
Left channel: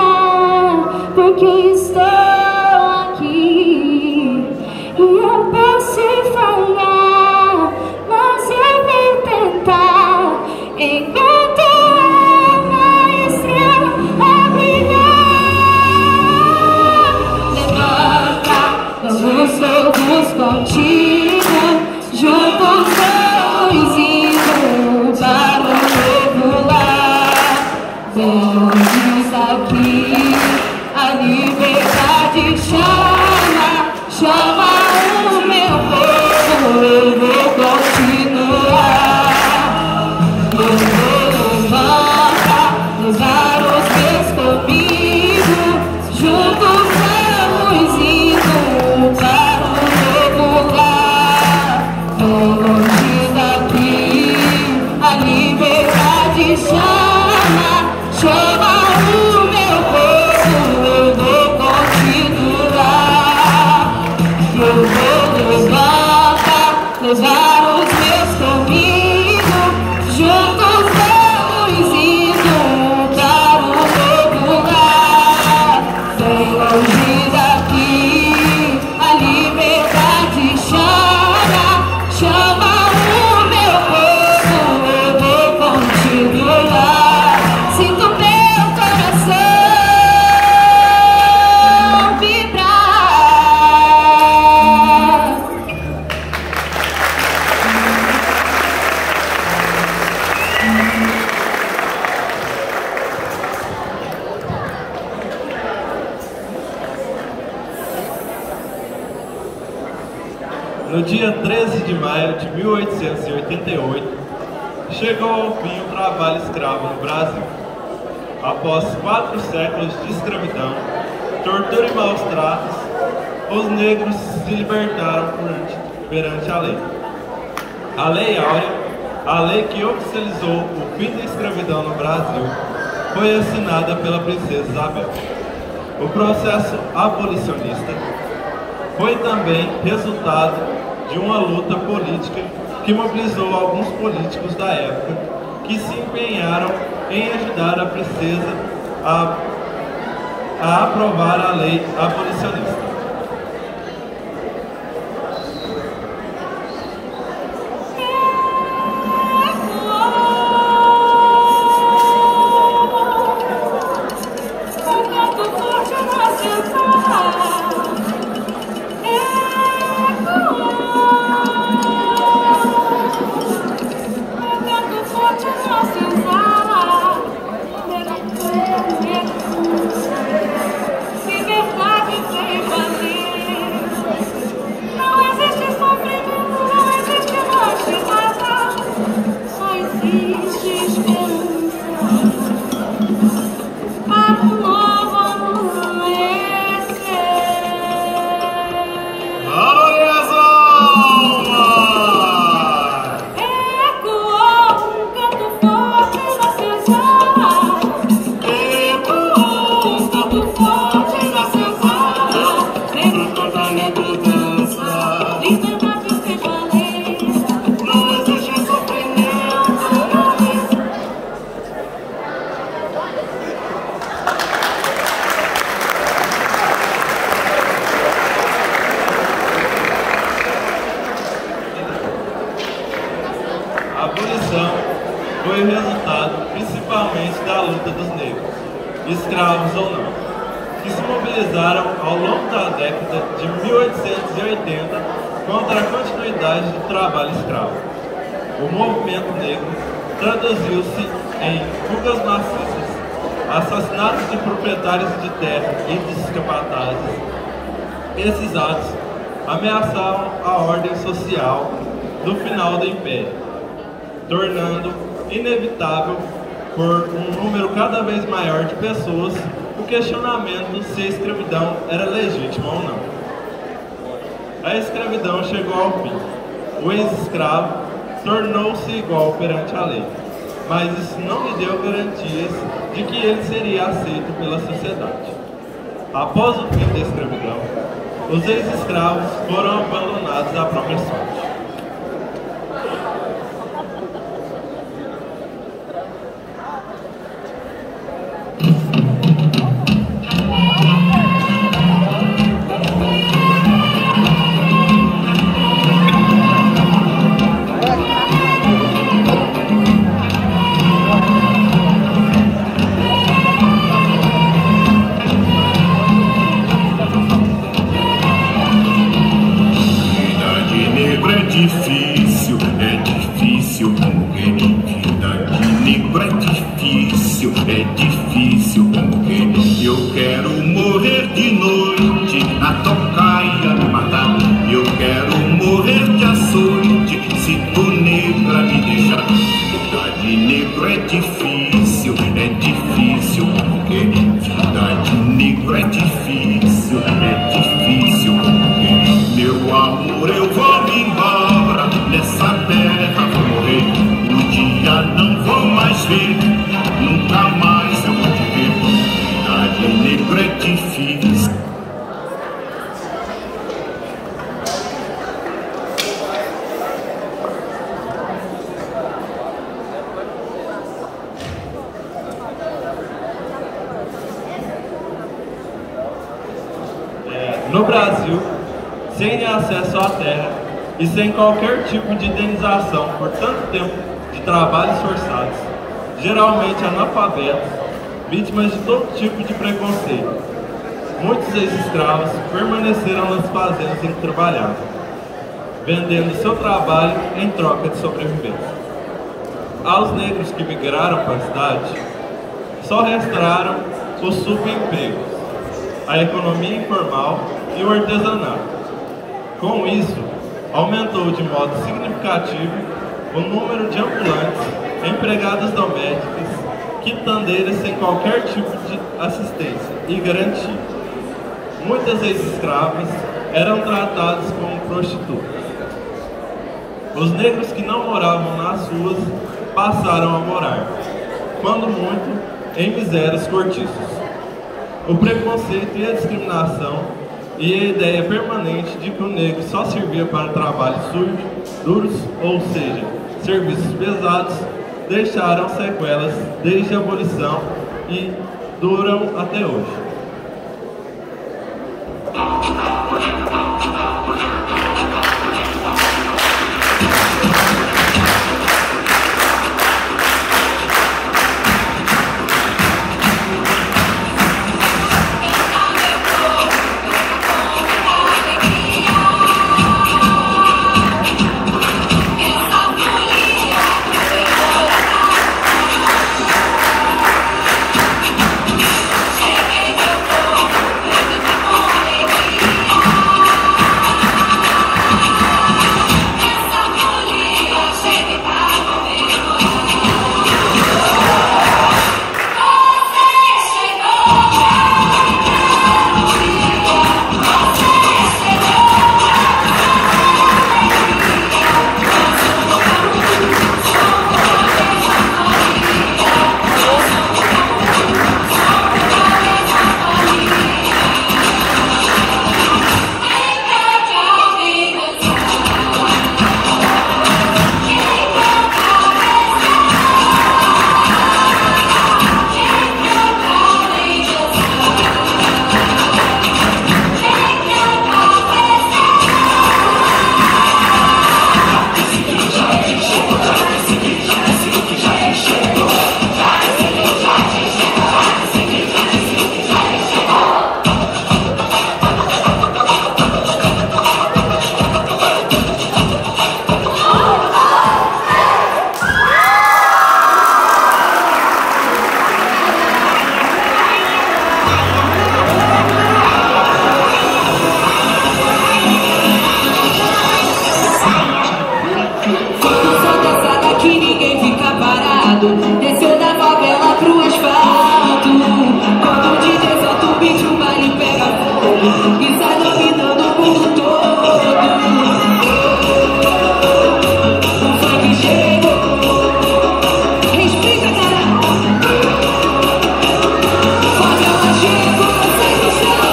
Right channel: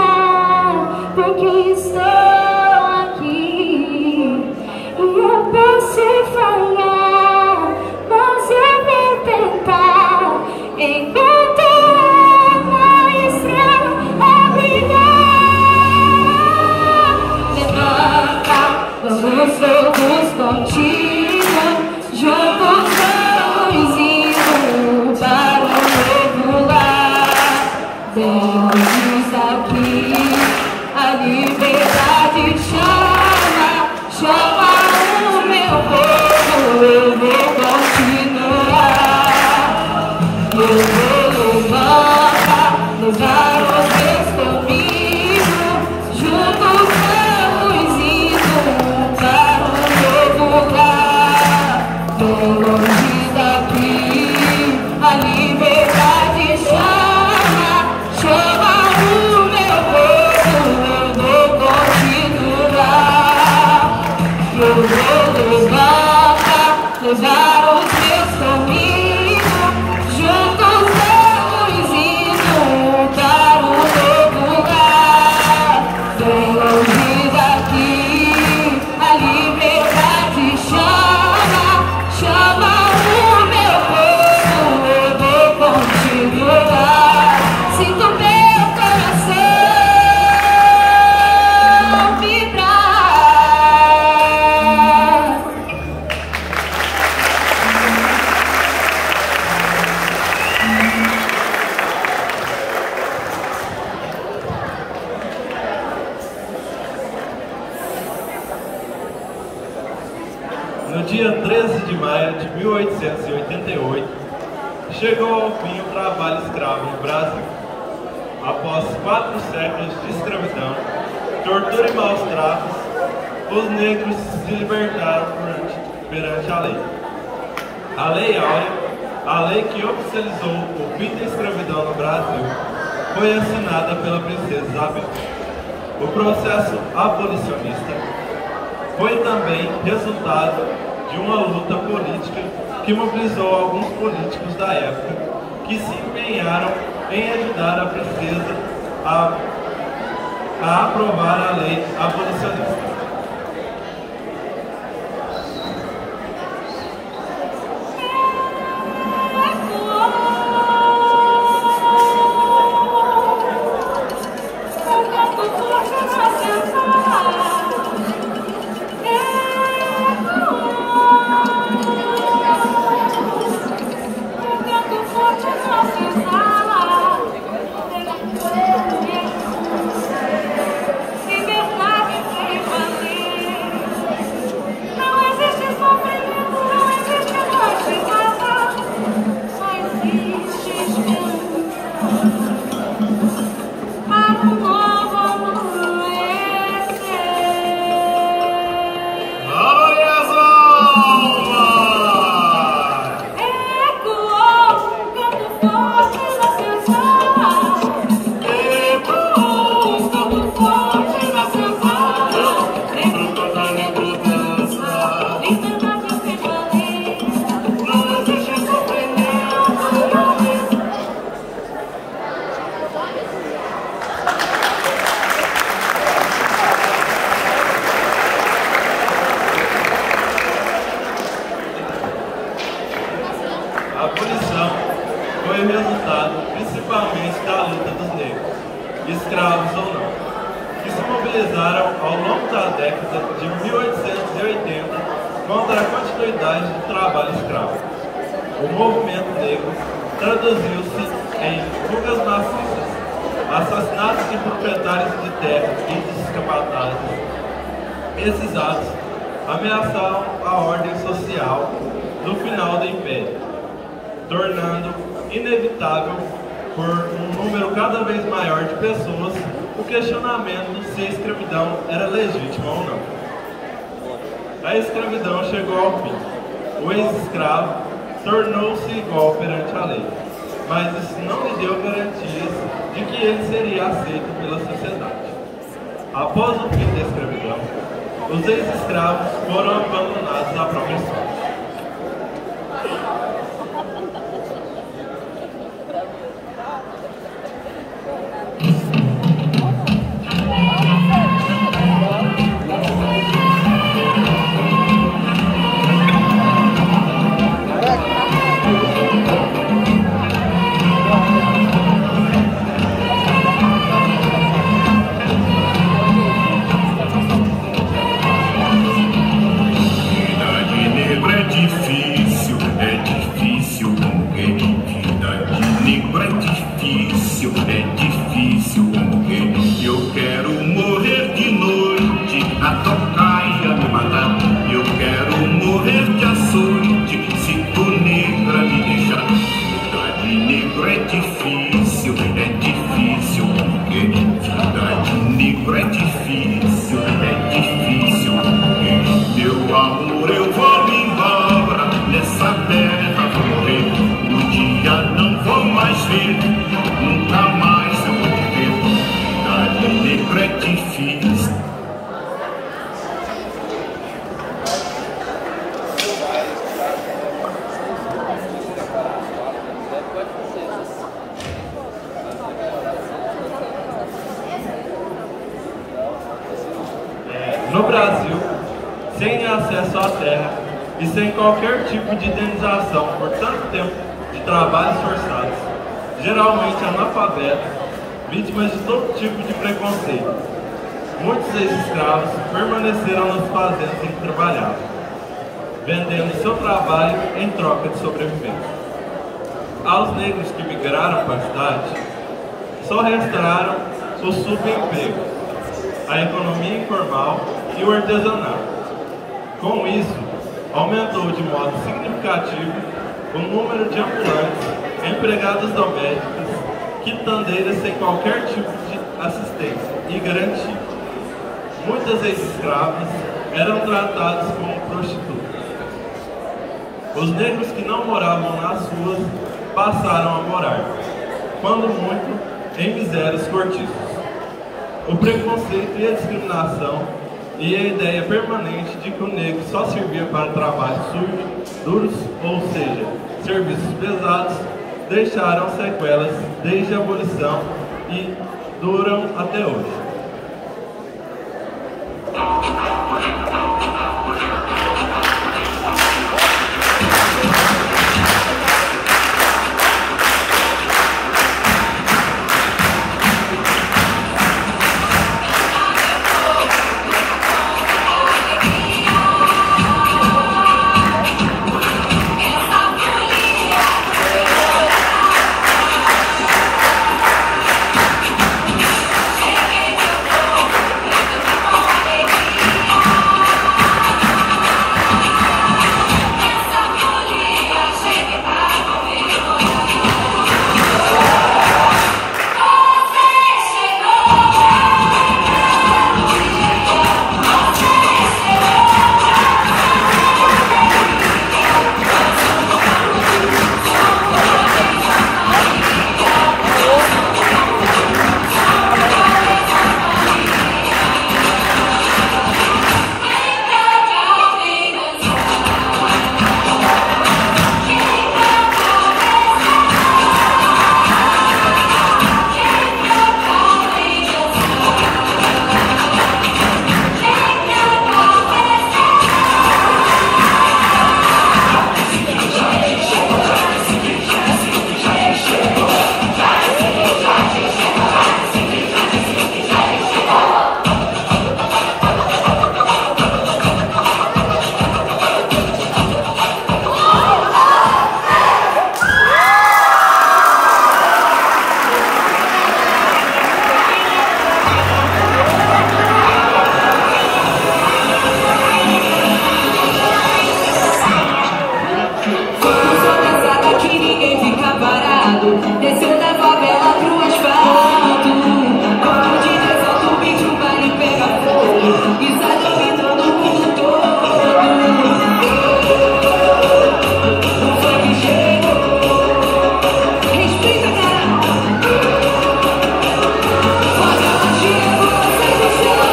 no dia 13 de maio de 1888, chegou ao fim o trabalho escravo no Brasil. Após 4 séculos de escravidão, tortura e maus tratos, os negros se libertaram perante a lei. A Lei Áurea, a lei que oficializou o fim da escravidão no Brasil, foi assinada pela princesa Isabel. O processo abolicionista foi também resultado de uma luta política que mobilizou alguns políticos da época que se empenharam em ajudar a princesa a aprovar a lei abolicionista. Foi resultado principalmente da luta dos negros, escravos ou não, que se mobilizaram ao longo da década de 1880 contra a continuidade do trabalho escravo. O movimento negro traduziu-se em fugas maciças, assassinatos de proprietários de terra e dos escravatados. Esses atos ameaçavam a ordem social do final do Império, tornando inevitável por um número cada vez maior de pessoas o questionamento se a escravidão era legítima ou não. A escravidão chegou ao fim. O ex-escravo tornou-se igual perante a lei, mas isso não lhe deu garantias de que ele seria aceito pela sociedade. Após o fim da escravidão, os ex-escravos foram abandonados à própria sorte. No Brasil, sem acesso à terra e sem qualquer tipo de indenização por tanto tempo de trabalhos forçados, geralmente analfabetos, vítimas de todo tipo de preconceito, muitos ex-escravos permaneceram nas fazendas em que trabalhavam, vendendo seu trabalho em troca de sobrevivência. Aos negros que migraram para a cidade, só restaram os subempregos, a economia informal e o artesanato. Com isso, aumentou de modo significativo o número de ambulantes, empregadas domésticas, quitandeiras sem qualquer tipo de assistência e garantia. Muitas ex-escravas eram tratadas como prostitutas. Os negros que não moravam nas ruas passaram a morar, quando muito, em misérias cortiços. O preconceito e a discriminação e a ideia permanente de que o negro só servia para trabalhos sujos, duros, ou seja, serviços pesados, deixaram sequelas desde a abolição e duram até hoje. Desceu da favela pro asfalto, quando de default o bicho vai lhe pegar fogo e sai dominando o mundo todo. Não foi que chegou, respeita, cara. Favela chegou, segue o chão.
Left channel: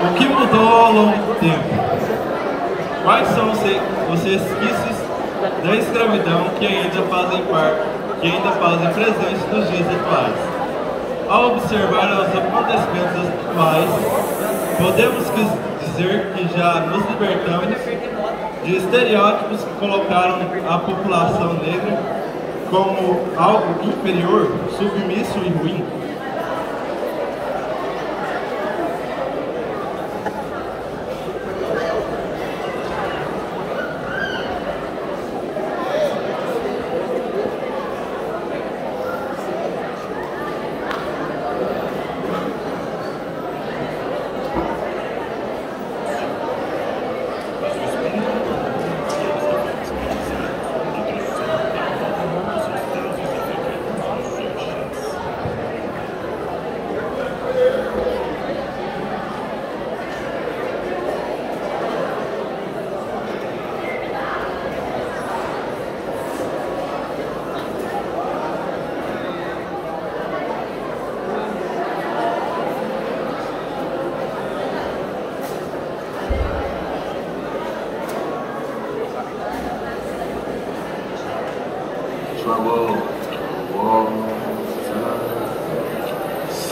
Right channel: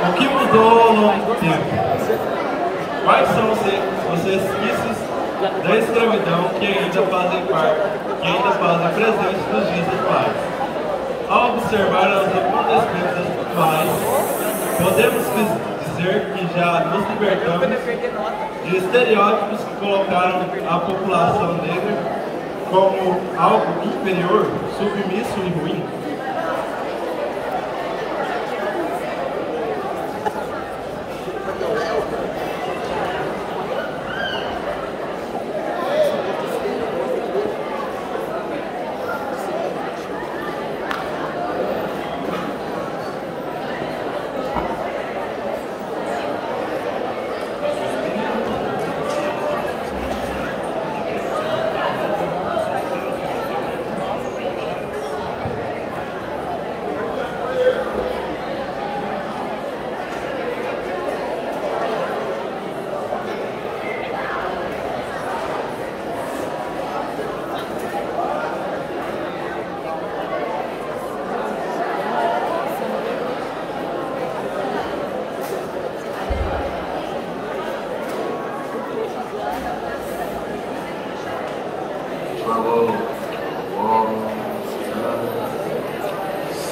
O que mudou ao longo do tempo? Quais são os resquícios da escravidão que ainda fazem presente nos dias atuais? Ao observar os acontecimentos atuais, podemos dizer que já nos libertamos de estereótipos que colocaram a população negra como algo inferior, submisso e ruim.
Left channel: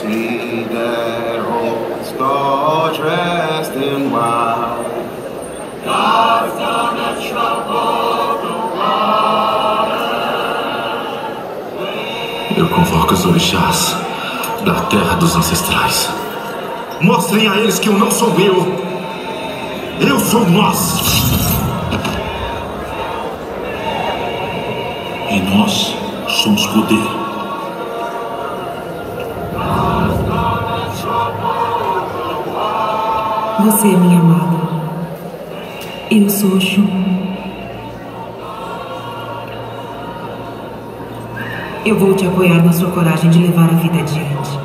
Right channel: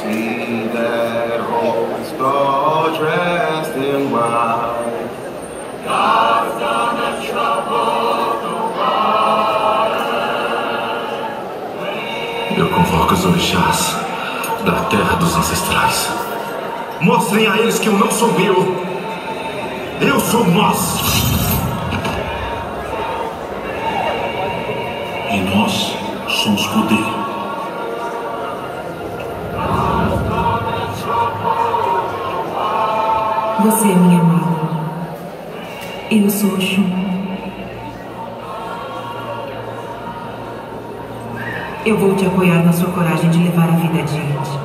See that whole skull dressed in white. Eu convoco os orixás da terra dos ancestrais. Mostrem a eles que eu não sou eu sou nós. E nós somos poder. Você é minha amada. Eu sou Oxum. Eu vou te apoiar na sua coragem de levar a vida adiante.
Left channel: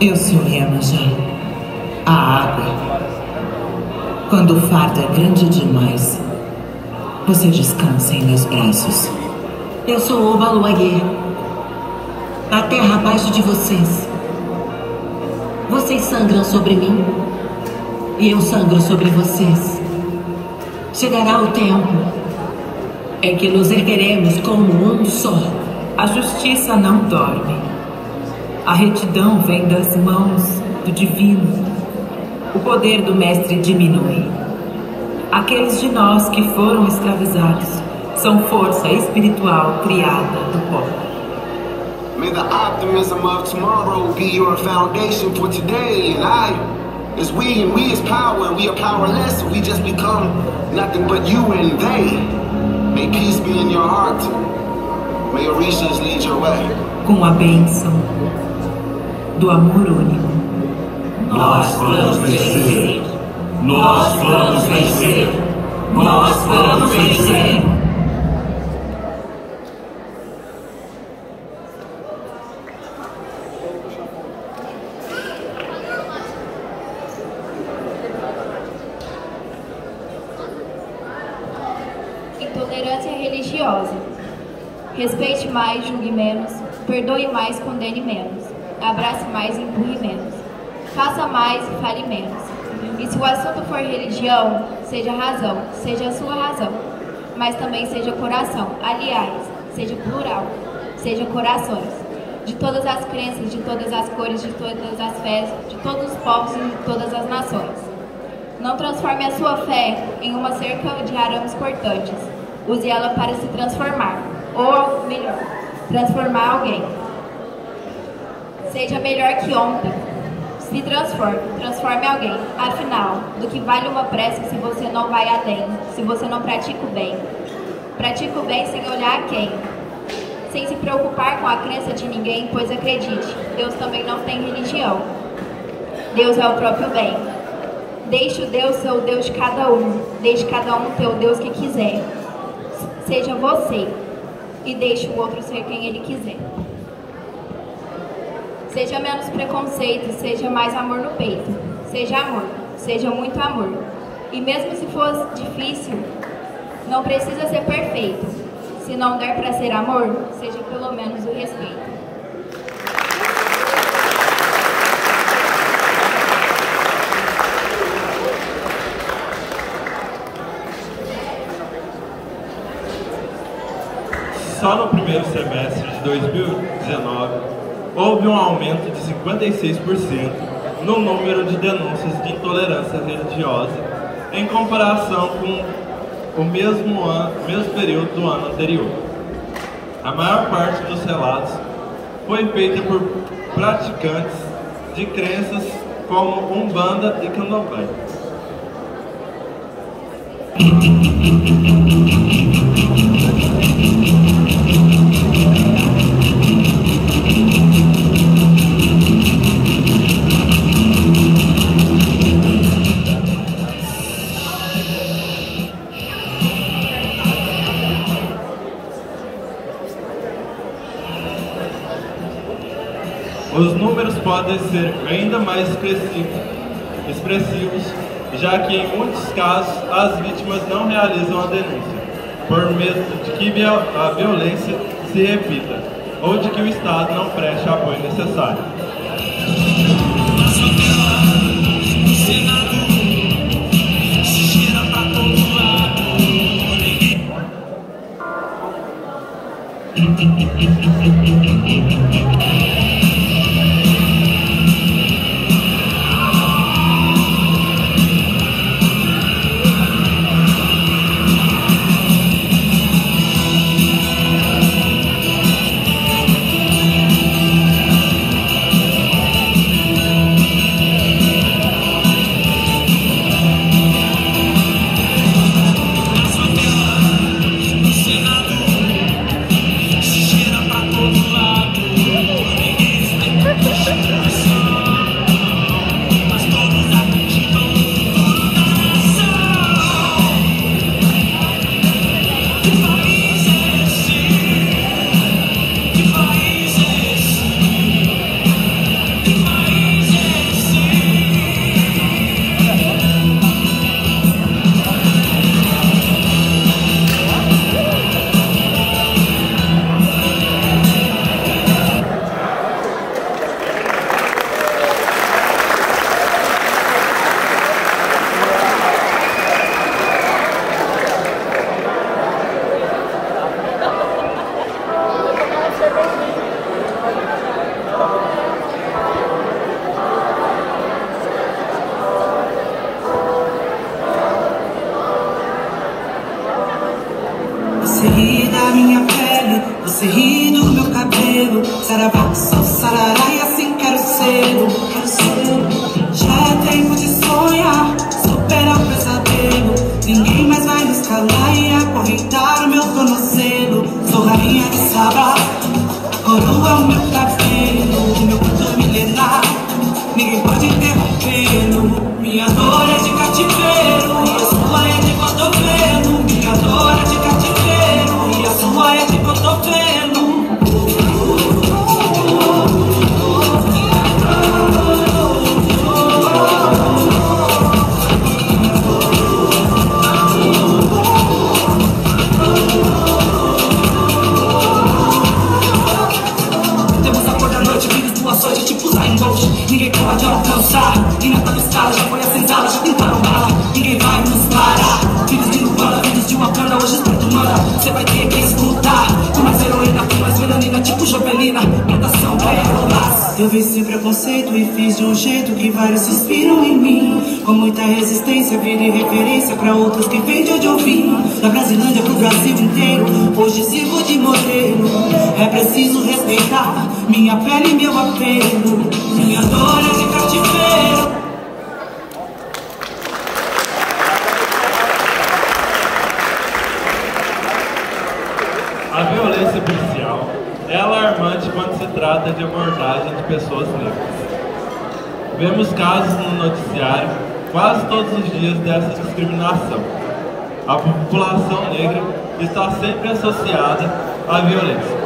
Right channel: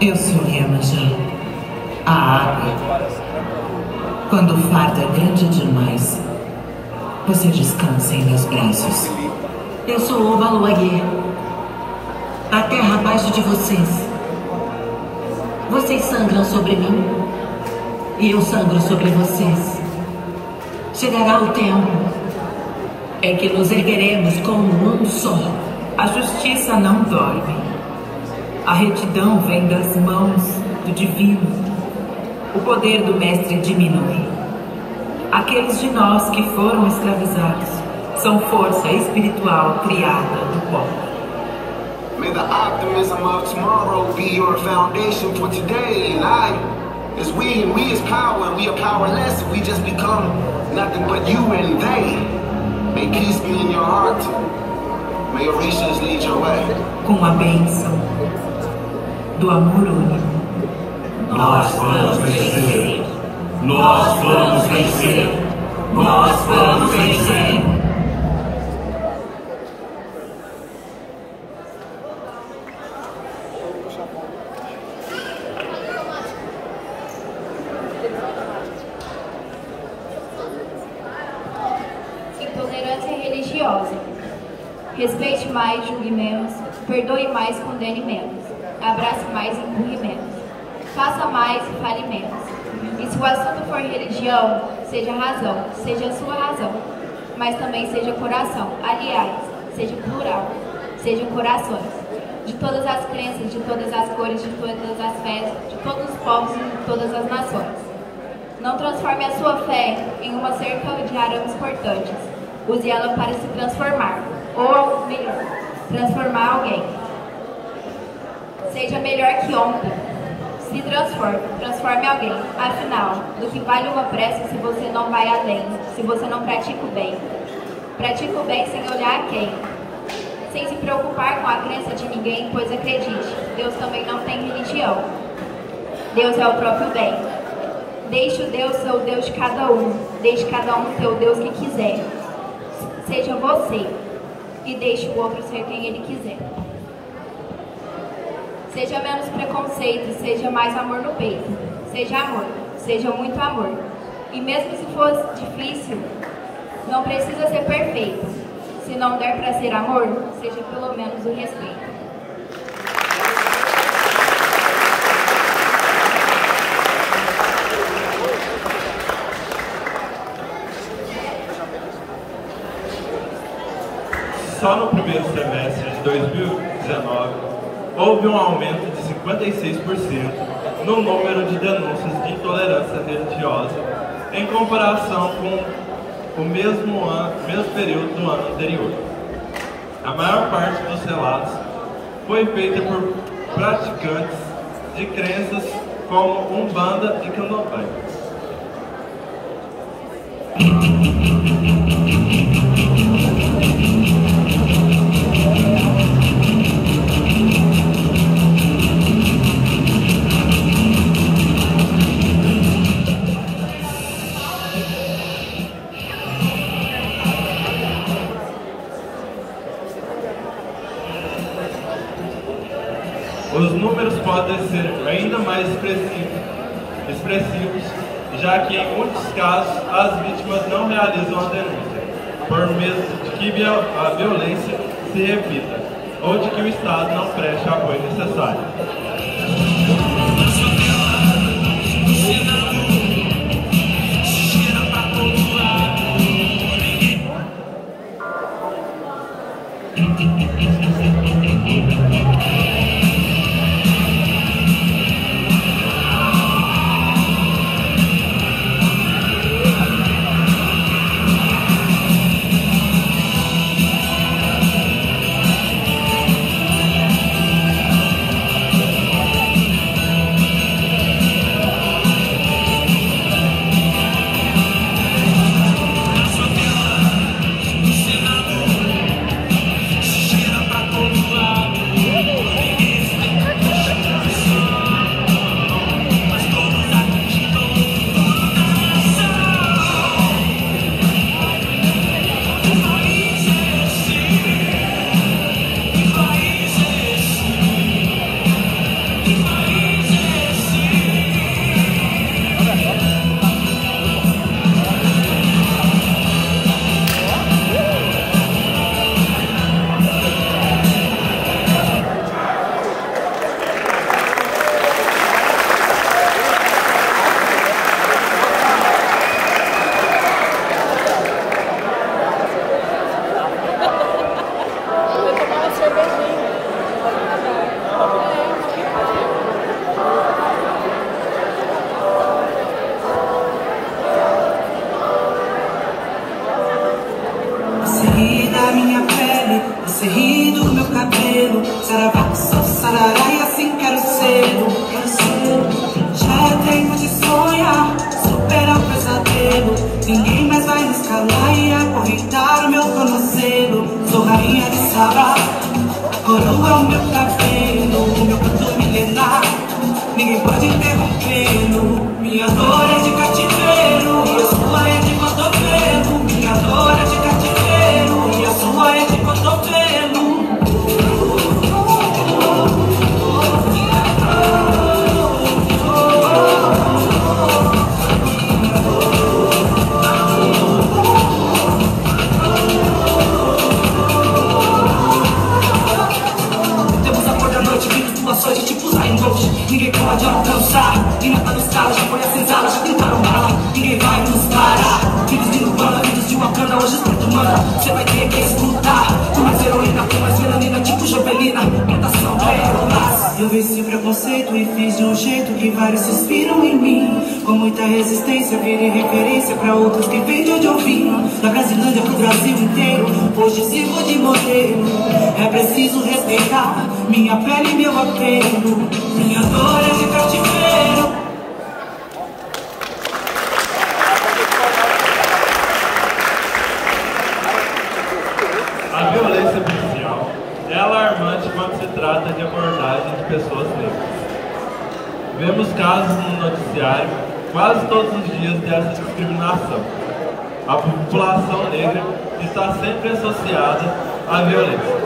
Eu sou Iemanjá, a água. Quando o fardo é grande demais, você descansa em meus braços. Eu sou Obaluayê, a terra abaixo de vocês. Vocês sangram sobre mim e eu sangro sobre vocês. Chegará o tempo em que nos ergueremos como um só. A justiça não dorme. A retidão vem das mãos do divino. O poder do mestre diminui. Aqueles de nós que foram escravizados são força espiritual criada do pó. May the optimism of tomorrow be your foundation for today. And I is we, and we is power. We are powerless. We just become nothing but you and they. May peace be in your heart. May orishas lead your way. Com a bênção do amor único. Nós vamos vencer. Nós vamos vencer. Nós vamos vencer. Intolerância religiosa. Respeite mais, julgue menos. Perdoe mais, condene menos. Abrace mais, empurre menos. Faça mais, fale menos. E se o assunto for religião, seja razão, seja a sua razão, mas também seja coração. Aliás, seja plural, seja corações. De todas as crenças, de todas as cores, de todas as fés, de todos os povos e de todas as nações. Não transforme a sua fé em uma cerca de arames cortantes. Use ela para se transformar, ou melhor, transformar alguém. Seja melhor que ontem. Se transforme alguém. Afinal, do que vale uma prece se você não vai além, se você não pratica o bem? Pratica o bem sem olhar a quem, sem se preocupar com a crença de ninguém, pois acredite, Deus também não tem religião. Deus é o próprio bem. Deixe o Deus ser o Deus de cada um. Deixe cada um ter o Deus que quiser. Seja você e deixe o outro ser quem ele quiser. Seja menos preconceito, seja mais amor no peito. Seja amor, seja muito amor. E mesmo se for difícil, não precisa ser perfeito. Se não der para ser amor, seja pelo menos o respeito. Só no primeiro semestre de 2019, houve um aumento de 56% no número de denúncias de intolerância religiosa em comparação com o mesmo período do ano anterior. A maior parte dos relatos foi feita por praticantes de crenças como Umbanda e Candomblé. Os números podem ser ainda mais expressivos, já que em muitos casos as vítimas não realizam a denúncia, por medo de que a violência se repita, ou de que o Estado não preste o apoio necessário. Você ri da minha pele, você ri do meu cabelo. Saravá, sarará, e assim quero ser. Já é tempo de sonhar, supera o pesadelo. Ninguém mais vai me escalar e acorrentar o meu tornozelo. Sou rainha de Sabá, coroa o meu cabelo, o meu canto milenar. Ninguém pode interrompê-lo. Minha dor é de cativeiro e a sua é de cotovelo. Minha dor é de cativeiro e a sua é de cotovelo. Temos a cor da noite, vimos duas sorte tipo Zangote. Ninguém pode alcançar, e na escala já foi a senzala, já tentaram bala. Ninguém vai nos parar, vivos de Lupana, vivos de Wakanda, hoje escrito humana. Você vai ter que escutar, tu mais heroína, tu mais melanina, tipo Jovelina. Predação é. Eu venci preconceito e fiz de um jeito que vários se inspiram em mim. Com muita resistência, virei referência pra outros que vêm de onde eu vim. Da Brasilândia pro Brasil inteiro, hoje sirvo de modelo. É preciso respeitar minha pele e meu apelo. Minha dor é de cativeiro. A violência policial é alarmante quando se trata de abordagem de pessoas negras. Vemos casos no noticiário quase todos os dias dessa discriminação. A população negra está sempre associada à violência.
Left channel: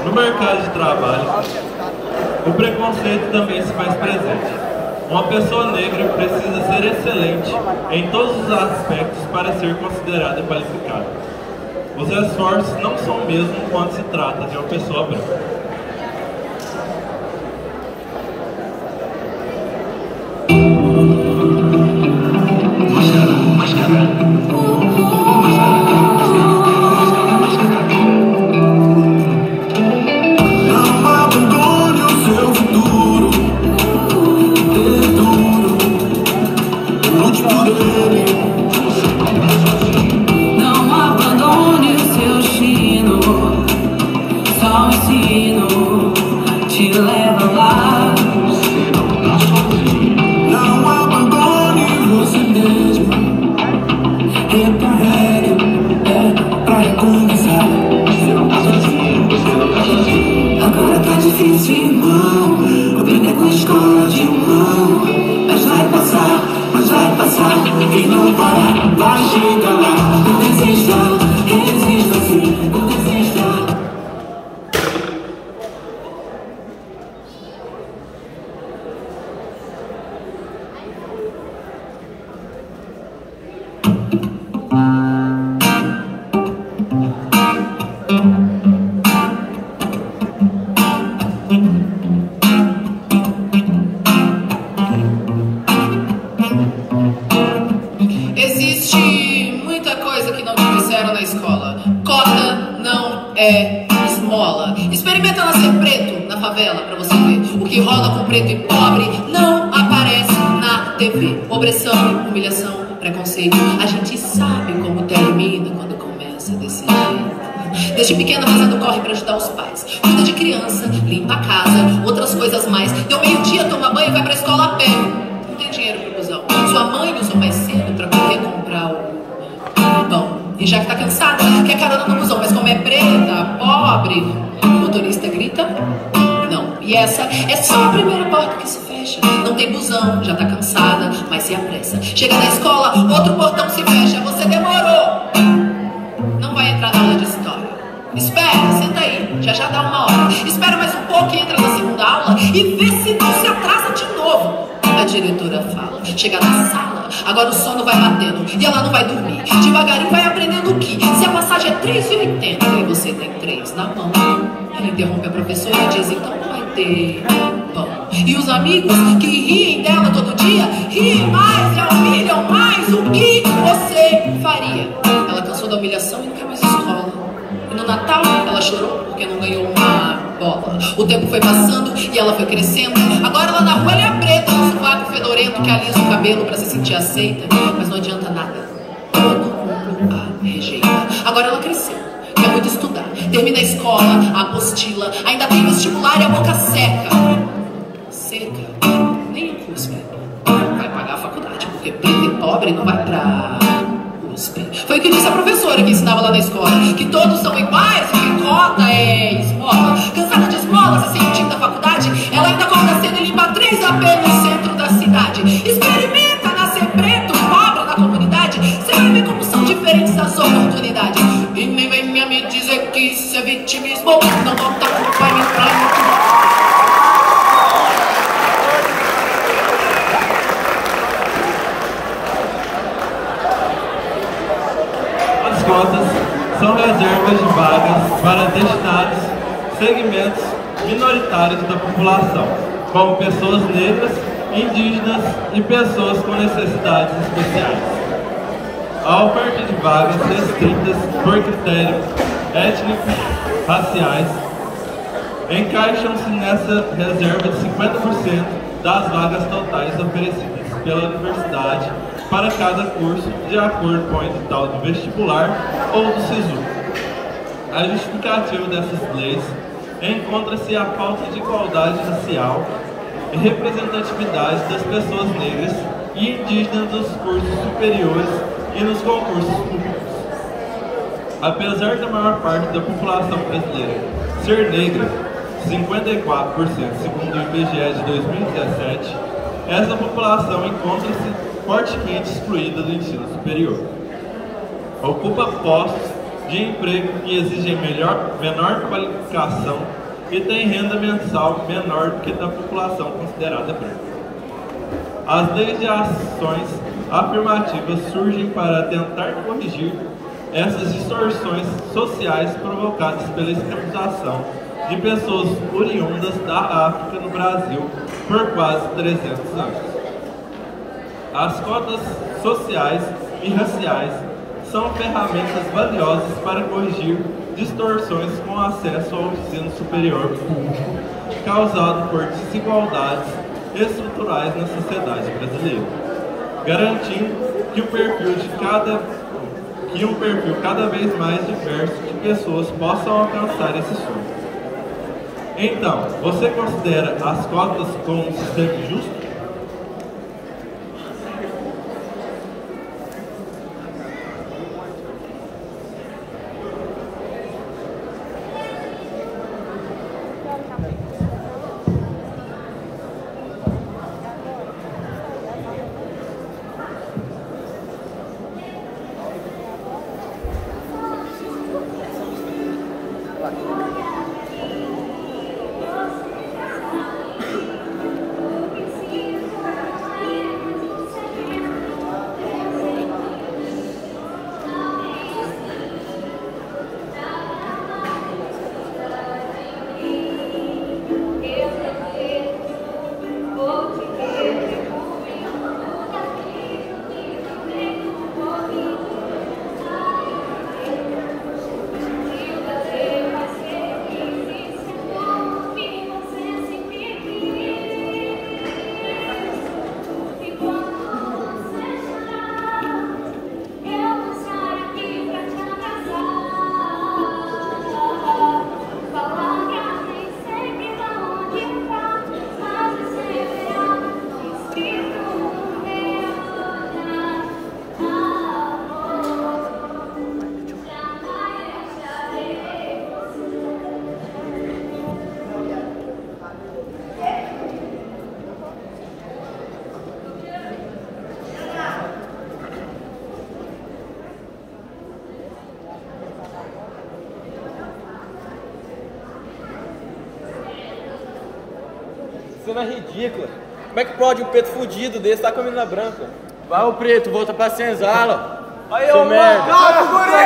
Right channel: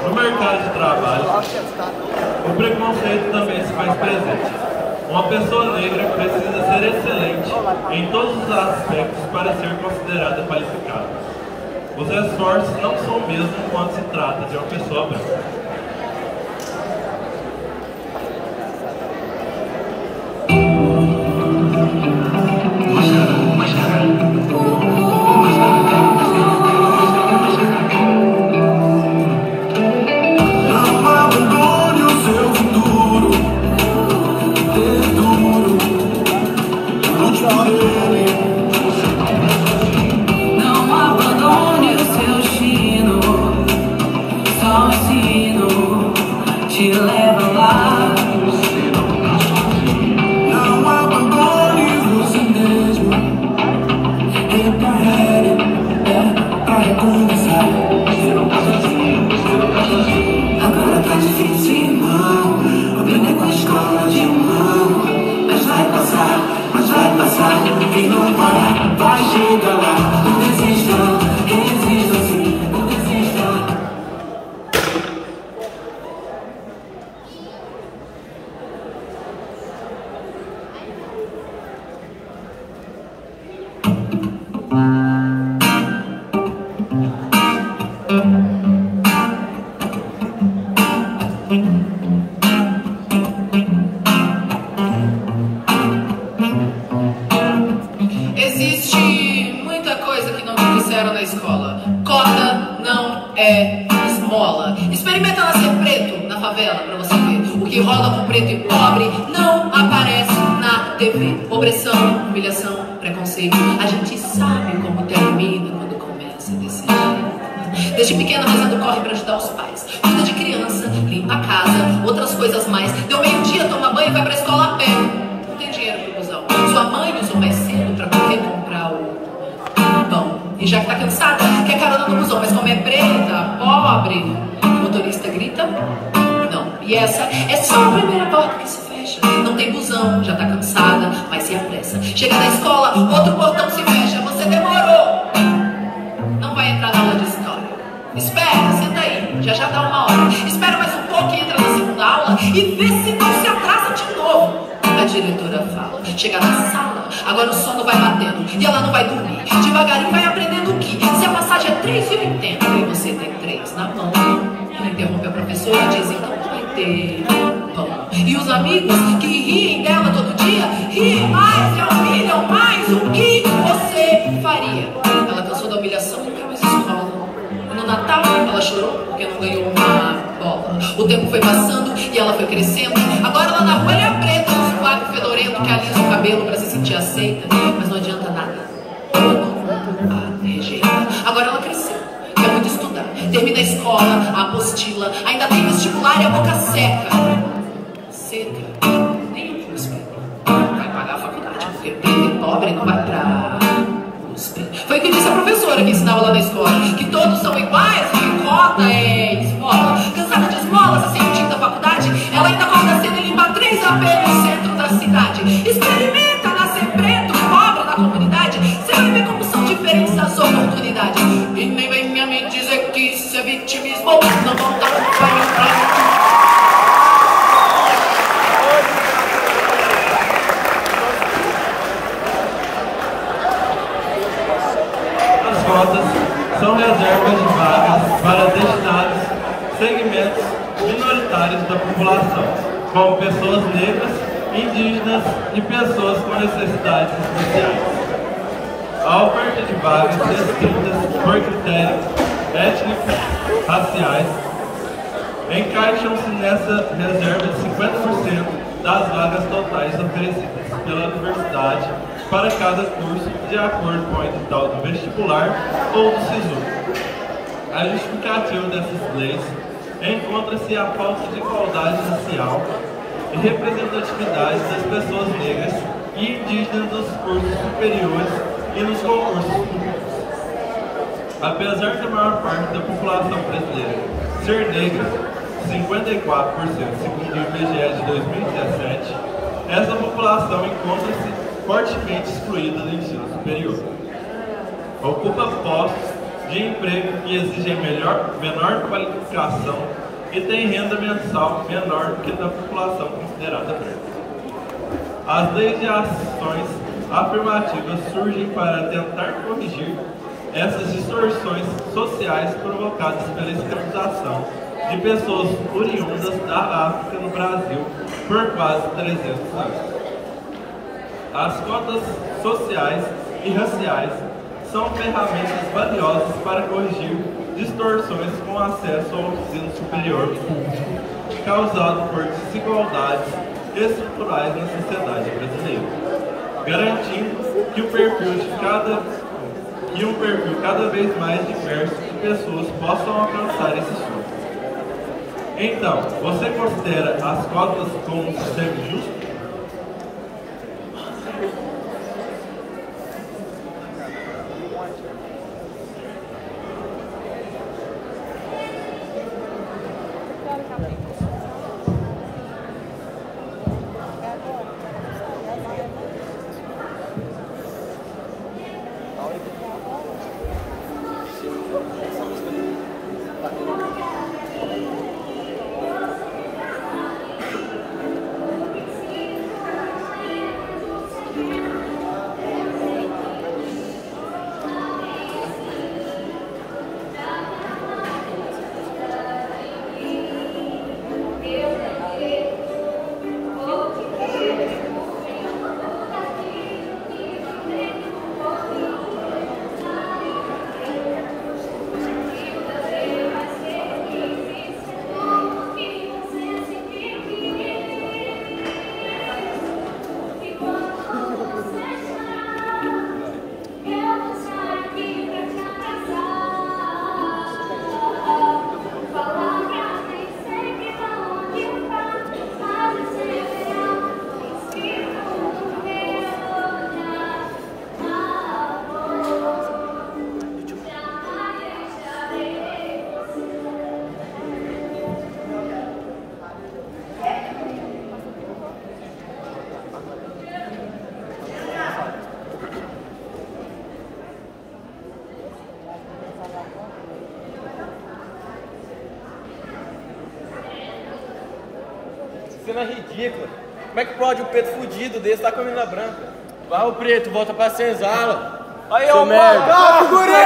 No mercado de trabalho, o preconceito também se faz presente. Uma pessoa negra precisa ser excelente em todos os aspectos para ser considerada qualificada. Os esforços não são o mesmo quando se trata de uma pessoa branca. humilhação, preconceito. A gente sabe como termina quando começa desse jeito. Desde pequena, Rosado corre pra ajudar os pais. Cuida de criança, limpa a casa, outras coisas mais. Deu meio-dia, toma banho e vai pra escola a pé. Não tem dinheiro pro busão. Sua mãe usou mais cedo pra poder comprar o pão. E já que tá cansada, quer carona no busão, mas como é preta, pobre, o motorista grita, não. E essa é só a primeira porta que se fecha. Não tem busão, já tá cansada, mas se apressa. Chega na escola, outro portão se fecha. Você demorou. Não vai entrar na aula de história. Espera, senta aí, já dá uma hora. Espera mais um pouco e entra na segunda aula e vê se não se atrasa de novo. A diretora fala, chega na sala, agora o sono vai batendo e ela não vai dormir. Devagarinho vai aprendendo que se a passagem é 3,80 e você tem 3 na mão, ela interrompe a professora e diz, então não vai ter pão. E os amigos que riem dela todo dia, riem mais, se humilham mais. O que você faria? Ela cansou da humilhação e não quer mais escola. No Natal, ela chorou porque não ganhou uma bola. O tempo foi passando e ela foi crescendo. Agora ela na rua ela é preta, usa um vago fedorento que alisa o cabelo pra se sentir aceita. Mas não adianta nada. Todo mundo a rejeita. Agora ela cresceu, quer muito estudar. Termina a escola, a apostila, ainda tem vestibular e a boca seca. Seca? Nem USP. Vai pagar a faculdade porque preto e pobre não vai pra USP. Foi o que disse a professora que ensinava lá na escola, que todos são iguais, que cota é esmola. Cansada de esmola, se sentindo da faculdade, ela ainda acorda cedo e limpa 3 AP no centro da cidade. Experimenta nascer preto, pobre na comunidade, você vai ver como são diferentes as oportunidades. E nem venha me dizer que isso é vitimismo, não vou ter como vai entrar. As cotas são reservas de vagas para destinados segmentos minoritários da população, como pessoas negras, indígenas e pessoas com necessidades especiais. A oferta de vagas restritas por critérios étnicos, raciais, encaixam-se nessa reserva de 50% das vagas totais oferecidas pela universidade para cada curso, de acordo com o edital do vestibular ou do SISU. A justificativa dessas leis encontra-se a falta de igualdade racial e representatividade das pessoas negras e indígenas nos cursos superiores e nos concursos públicos. Apesar da maior parte da população brasileira ser negra, 54% segundo o IBGE de 2017, essa população encontra-se fortemente excluída do ensino superior. Ocupa postos de emprego que exigem menor qualificação e tem renda mensal menor do que da população considerada branca. As leis de ações afirmativas surgem para tentar corrigir essas distorções sociais provocadas pela escravização de pessoas oriundas da África no Brasil por quase 300 anos. As cotas sociais e raciais são ferramentas valiosas para corrigir distorções com acesso ao ensino superior causado por desigualdades estruturais na sociedade brasileira, garantindo que um perfil cada vez mais diverso de pessoas possam alcançar esse sonho. Então, você considera as cotas como um sistema justo? cena ridícula. Como é que pode um preto fudido desse estar com a menina branca? Vai o preto, volta pra senzala. Aí, ô macaco, guri!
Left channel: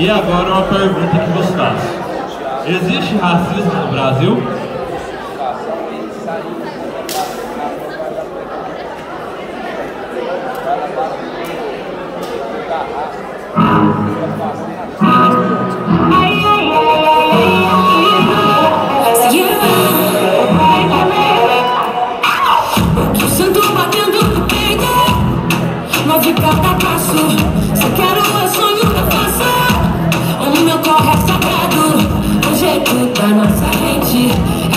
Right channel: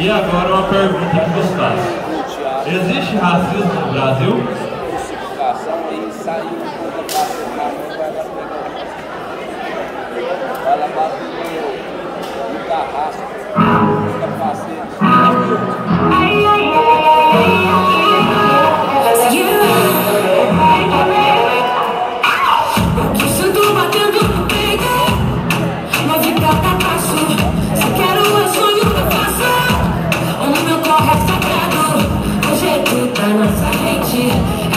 E agora uma pergunta que vos faço. Existe racismo no Brasil? Nossa gente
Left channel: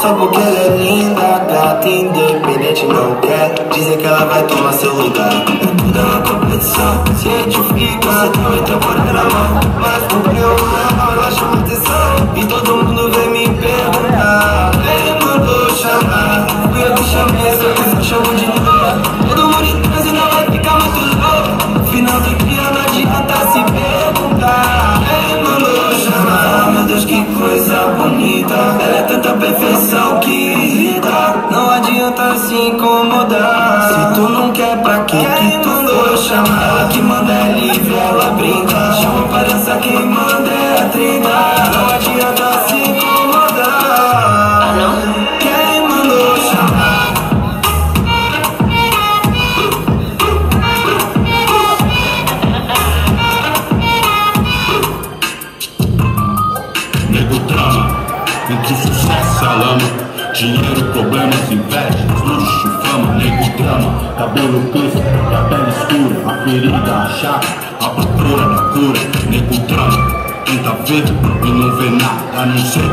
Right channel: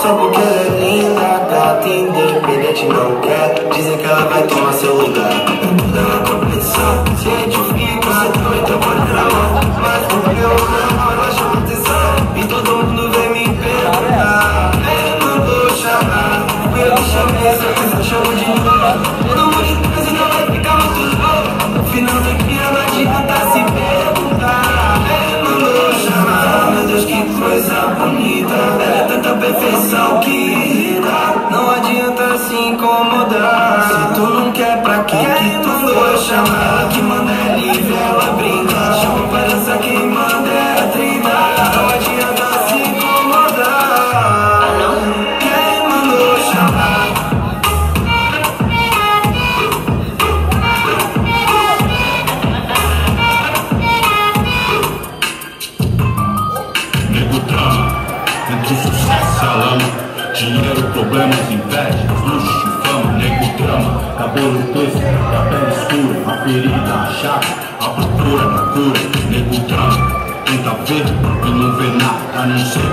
Só porque ela é linda, gata, independente não quer dizer que ela vai tomar seu lugar. Tudo é uma competição, se identifica, só também tem coração. Ela chama atenção e todo mundo vem me perguntar. Eu mandou chamar, e eu chamei, se eu quiser chamar de novo. Todo mundo transa e não vai ficar muito louco. No final do dia não adianta se perguntar. Eu mandou chamar, meu Deus, que coisa bonita. Ela é tanta perfeição que irrita. Não adianta se incomodar. Se tu não quer, pra que tu for chamar? Ela que manda é livre, ela brinda. Chama para essa que manda é a trinta. Não adianta se incomodar. Quem mandou chamar? Nego drama, entre sucesso e alama. Dinheiro, problemas, invejas, luxo, fama. Nego drama, cabelo tosco, a pele escura, a ferida, a chaga, a procura da cura. Nego drama, tenta ver e não vê nada a não ser